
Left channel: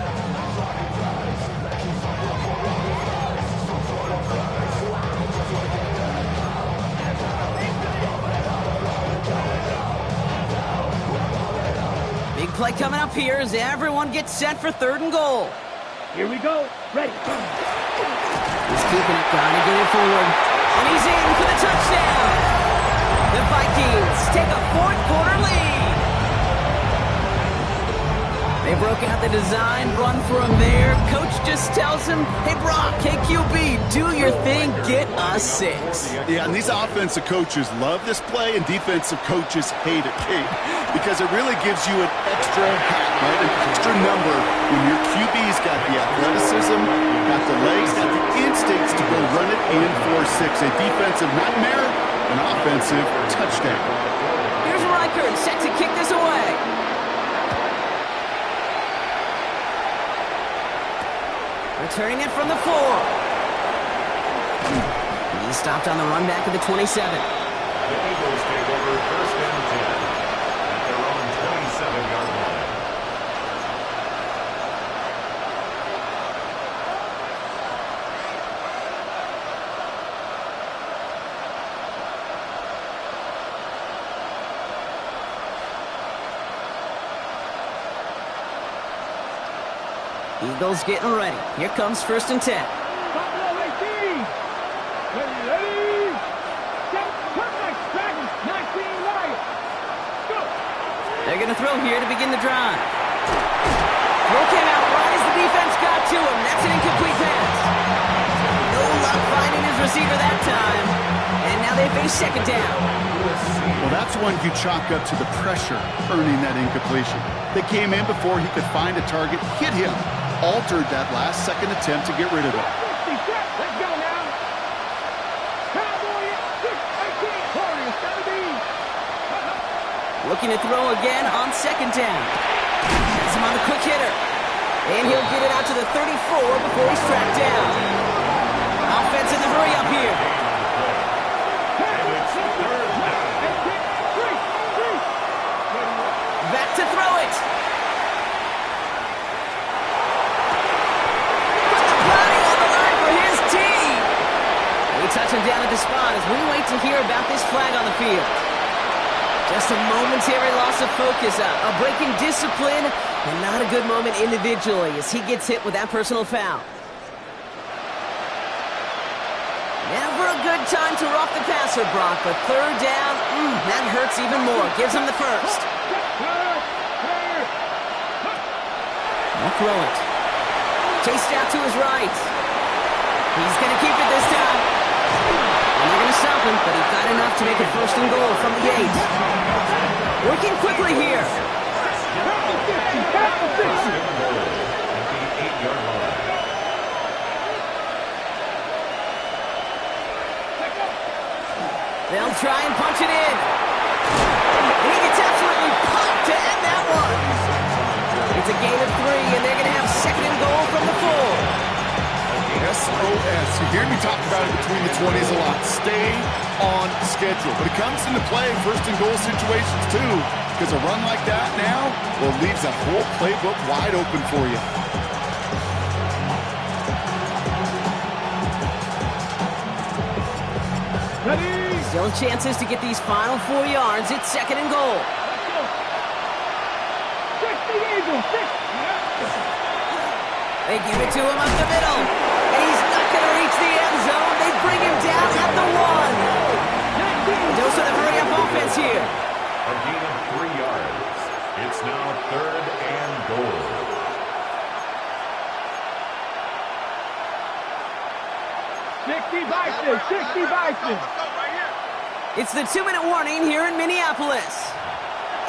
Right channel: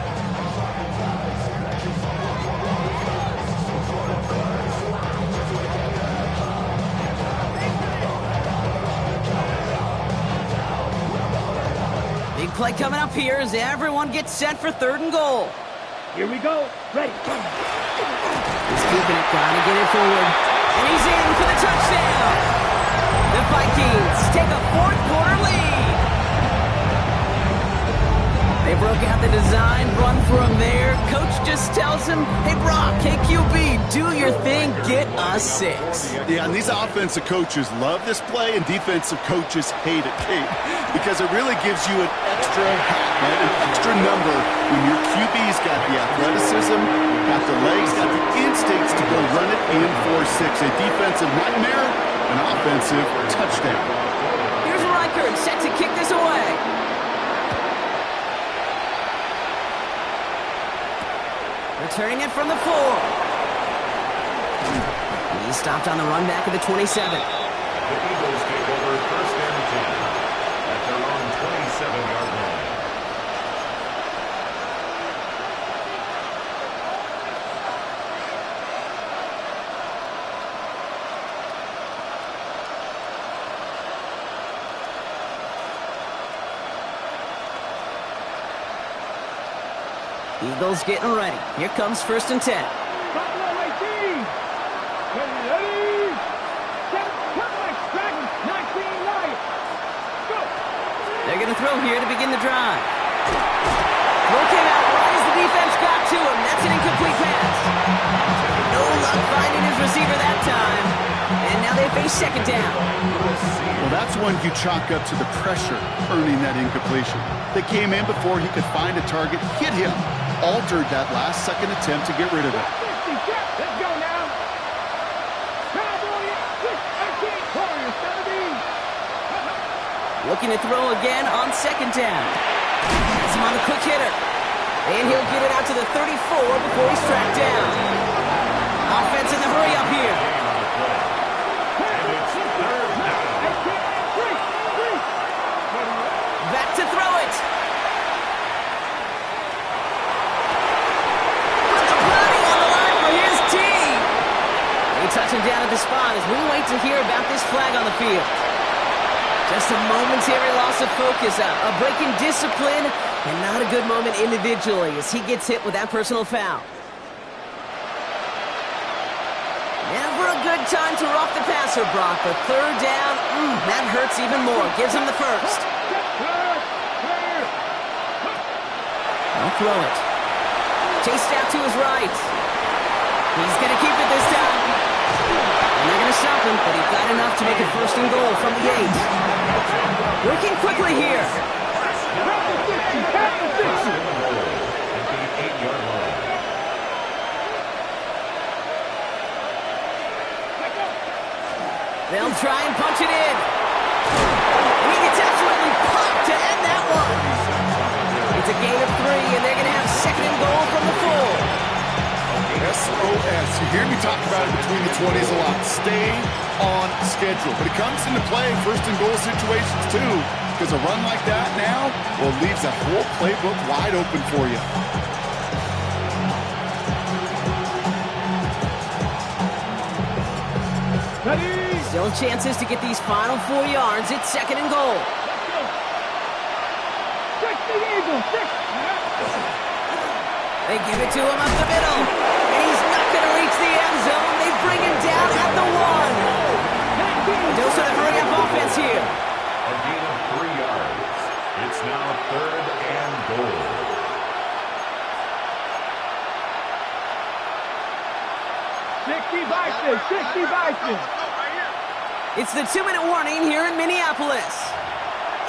Big play coming up here as everyone gets set for 3rd and goal. Here we go. Ready. He's keeping it, gotta get it forward. And he's in for the touchdown. The Vikings take a fourth quarter lead. They broke out the design run for him there. Coach just tells him, hey, Brock, hey, QB, do your thing, get a 6. Yeah, and these offensive coaches love this play, and defensive coaches hate it, Kate, because it really gives you an extra hat, right? An extra number when your QB's got the athleticism, got the legs, got the instincts to go run it in for 6. A defensive nightmare, an offensive touchdown. Here's Reichert set to kick this away. Returning it from the 4. He stopped on the run back at the 27. The Eagles take over 1st and 10 at their own 27-yard line. Eagles getting ready. Here comes 1st and 10. Buffalo 18. Ready. Perfect. Dragons 19 right. Go. They're going to throw here to begin the drive. Throw came out right as the defense got to him. That's an incomplete pass. No luck finding his receiver that time. And now they face 2nd down. Well, that's one you chalk up to the pressure earning that incompletion. They came in before he could find a target, hit him, altered that last second attempt to get rid of it. 50, let's go now. Cowboy 18, Warriors 17. Looking to throw again on 2nd down. Has him on the quick hitter. And he'll get it out to the 34 before he's tracked down. Offense in the hurry up here. And it's 3rd down. Back to throw it. Put the body on the line for his team. They touch him down at the spot as we wait to hear about this flag on the field. Just a momentary loss of focus, a break in discipline, and not a good moment individually as he gets hit with that personal foul. Never a good time to rough the passer, Brock, but 3rd down, that hurts even more. Gives him the 1st. They'll throw it. Chased out to his right. He's going to keep it this time. And they're going to stop him, but he got enough to make it 1st and goal from the 8. Working quickly here. At the 8-yard line. They'll try and punch it in. And he gets absolutely popped to end that one. It's a gain of 3, and they're going to have 2nd and goal from the 4. SOS. You hear me talk about it between the 20s a lot. Stay on schedule. But it comes into play 1st and goal situations too, because a run like that now, well, leaves that whole playbook wide open for you. Ready. Still chances to get these final 4 yards. It's 2nd and goal. Let's go. 60 Eagles. 6. They give it to him up the middle. And he's not going to reach the end zone. They bring him down at the 1. Dose of the hurry-up offense here. A gain of 3 yards. It's now 3rd and goal. $60 Bison. It's the 2-minute warning here in Minneapolis.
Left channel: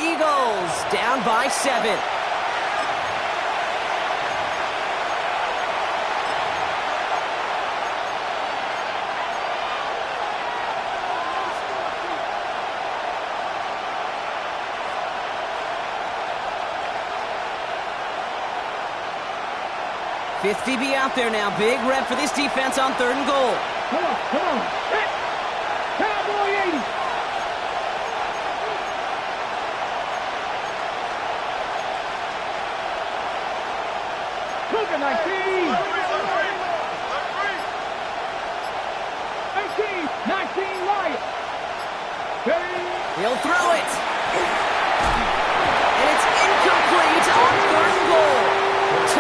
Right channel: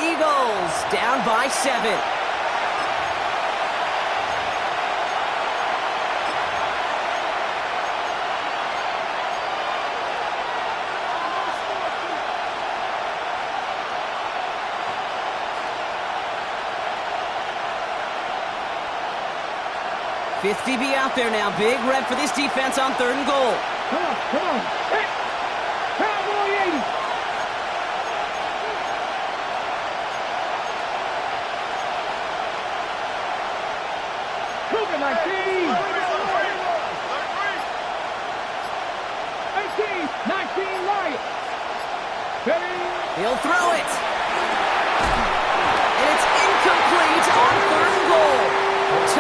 Eagles down by 7. $50 be out there now. Big rep for this defense on 3rd and goal. Come on. Hit. Cowboy 80. Cougar 19. 18. 19 Lions. He'll throw it. And it's incomplete on 3rd and goal.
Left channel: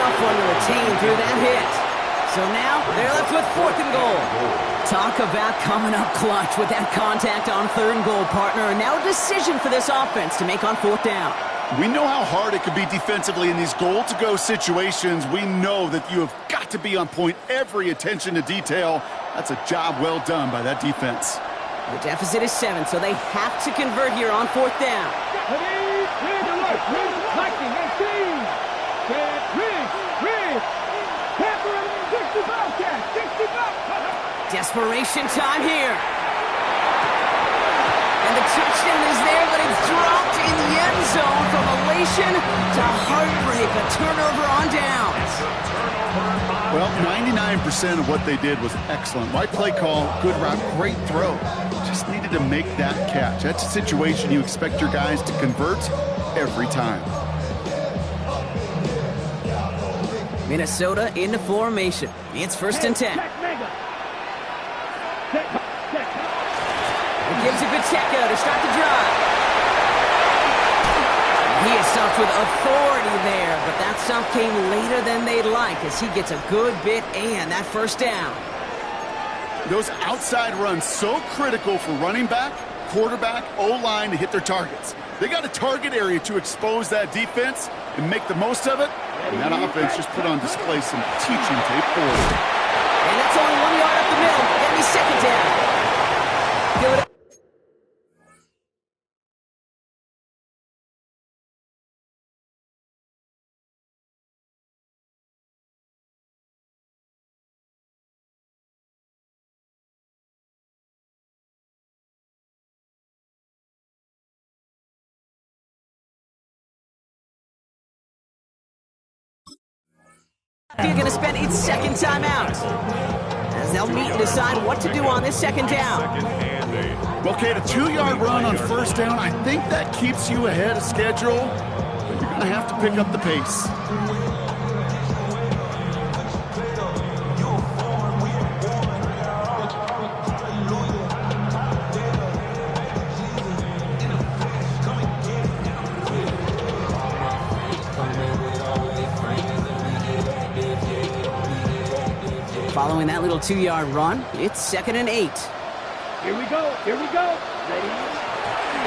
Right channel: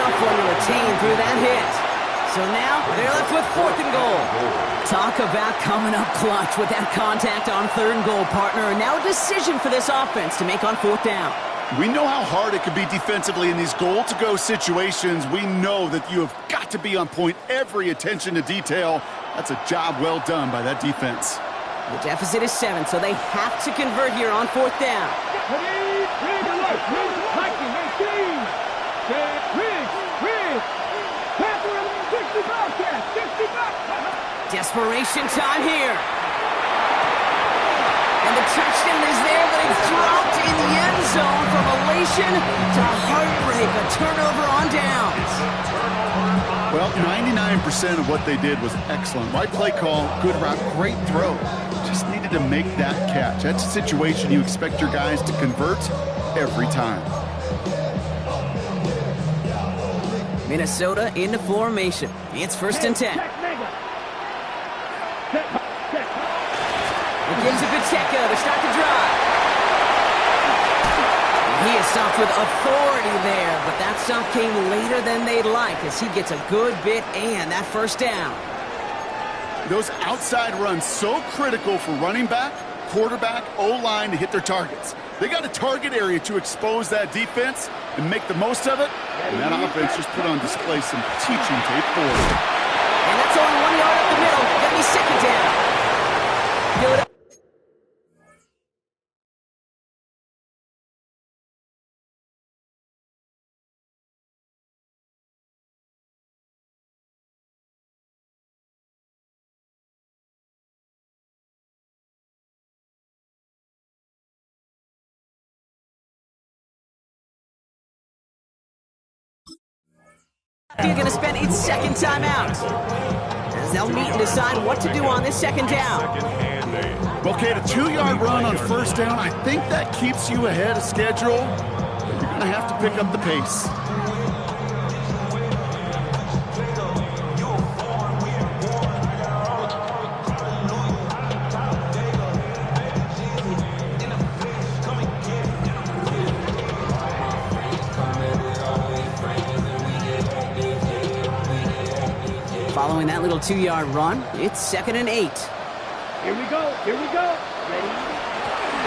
tough one to retain through that hit. So now they're left with 4th and goal. Talk about coming up clutch with that contact on 3rd and goal, partner. And now a decision for this offense to make on 4th down. We know how hard it can be defensively in these goal-to-go situations. We know that you have got to be on point, every attention to detail. That's a job well done by that defense. The deficit is 7, so they have to convert here on 4th down. Desperation time here. And the touchdown is there, but it's dropped in the end zone from elation to heartbreak. A turnover on downs. Well, 99% of what they did was excellent. Right play call, good route, great throw. Just needed to make that catch. That's a situation you expect your guys to convert every time. Minnesota into formation. It's 1st and 10. It gives it Pacheco to start the drive. He is stuffed with authority there, but that stuff came later than they'd like as he gets a good bit and that 1st down. Those outside runs so critical for running back, quarterback, O-line to hit their targets. They got a target area to expose that defense and make the most of it, and that offense just put on display some teaching tape forward. And that's only 1 yard up the middle. Gonna be 2nd down. Fill it up. You're going to spend its 2nd timeout as they'll meet and decide what to do on this 2nd down. Well, Kate, a 2-yard run on 1st down, I think that keeps you ahead of schedule, but you're going to have to pick up the pace. Following that little 2-yard run, it's 2nd and 8. Here we go. Ready?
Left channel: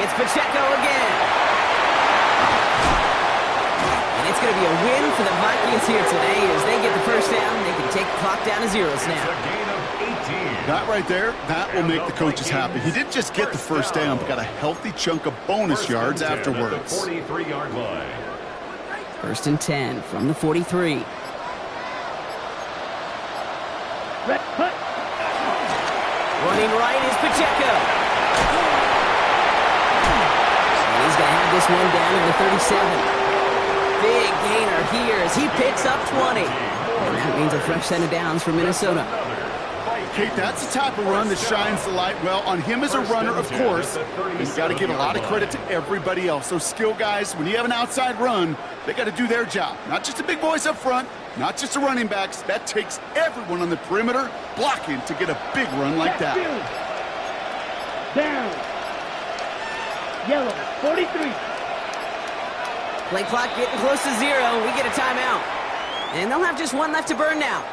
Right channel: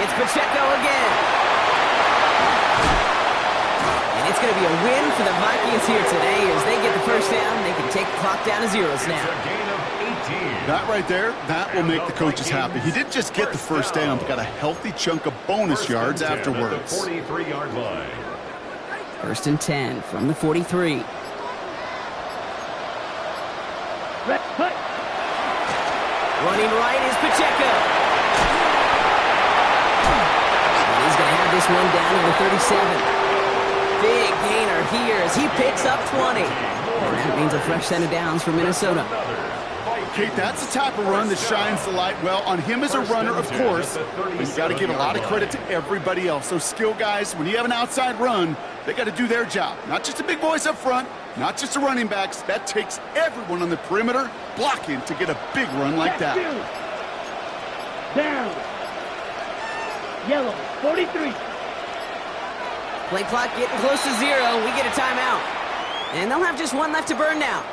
It's Pacheco again. And it's going to be a win for the Vikings here today as they get the 1st down. They can take the clock down to zeros now. It's a gain of 18. That right there, that will make the coaches happy. He didn't just get the 1st down, but got a healthy chunk of bonus yards afterwards. 43-yard line. 1st and 10 from the 43. Running right is Pacheco. And he's going to have this one down in the 37. Big gainer here as he picks up 20. And that means a fresh set of downs for Minnesota. Kate, that's the type of run that shines the light well on him as a runner, of course. But you got to give a lot of credit to everybody else. Those skill guys, when you have an outside run, they got to do their job. Not just the big boys up front, not just the running backs. That takes everyone on the perimeter blocking to get a big run like that. Down. Yellow, 43. Play clock getting close to 0. We get a timeout. And they'll have just one left to burn now.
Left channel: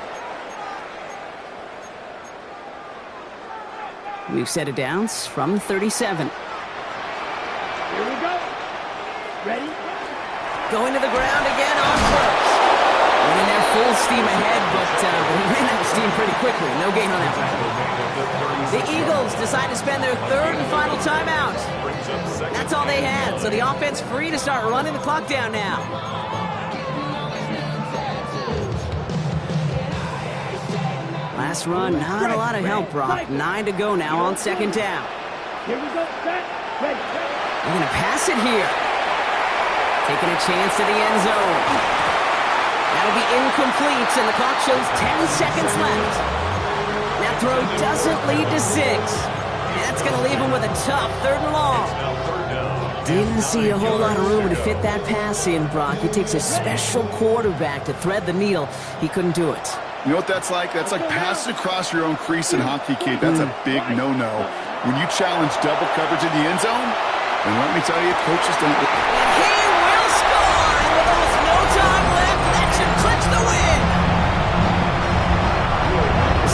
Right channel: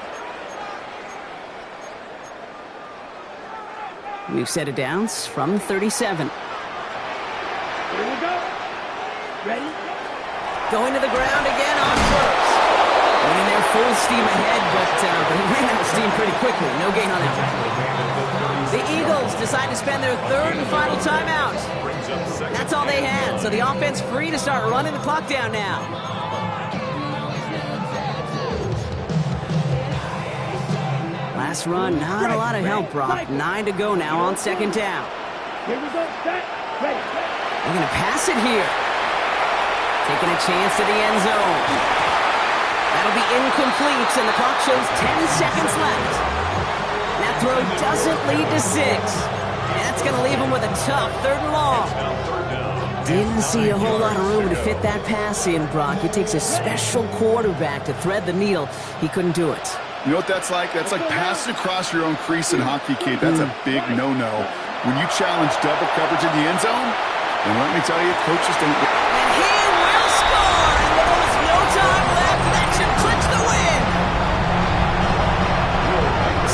We've set it downs from 37. Here we go. Ready? Going to the ground again on 1st. Went in there full steam ahead, but he ran out of steam pretty quickly. No gain on that one. The Eagles decide to spend their 3rd and final timeout. That's all they had, so the offense free to start running the clock down now. Last run, not a lot of help, Brock. 9 to go now on 2nd down. Here we go. Set. Ready. They're going to pass it here. Taking a chance to the end zone. That'll be incomplete, and the clock shows 10 seconds left. That throw doesn't lead to 6. And that's going to leave him with a tough 3rd and long. Didn't see a whole lot of room to fit that pass in, Brock. It takes a special quarterback to thread the needle. He couldn't do it. You know what that's like? That's like passing across your own crease in hockey, Kate. That's a big no-no. When you challenge double coverage in the end zone, and let me tell you, coaches don't... And he will score! And with almost no time left, that should clinch the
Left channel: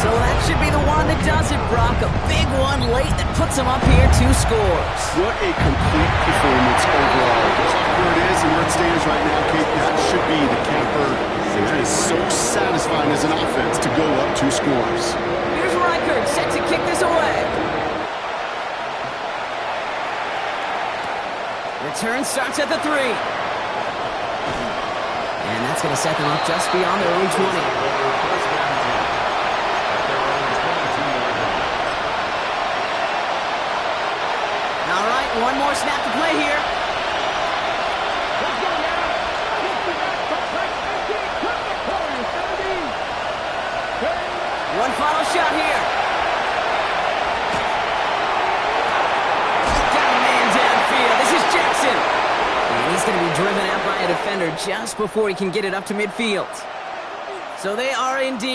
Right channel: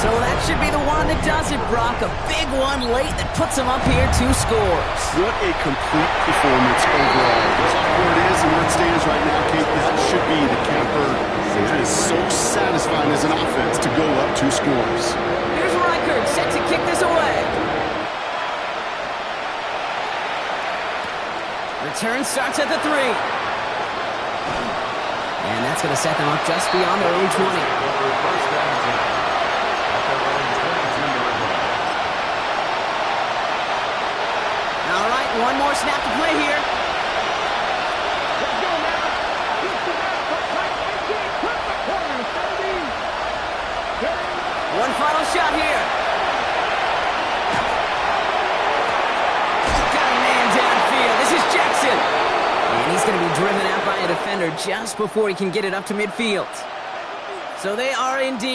So that should be the one that does it, Brock. A big one late that puts them up here 2 scores. What a complete performance overall. Just like where it is and where it stands right now, Kate, that should be the capper. That is so satisfying as an offense to go up 2 scores. Here's Reichert set to kick this away. Return starts at the 3. And that's going to set them up just beyond their own 20. First down 10 at their own 22-yard line. All right, one more snap to play here. Let's go now. 18, cut the corner, 17. One final shot here. Got a man downfield. This is Jackson. And he's going to be driven out by a defender just before he can get it up to midfield. So they are indeed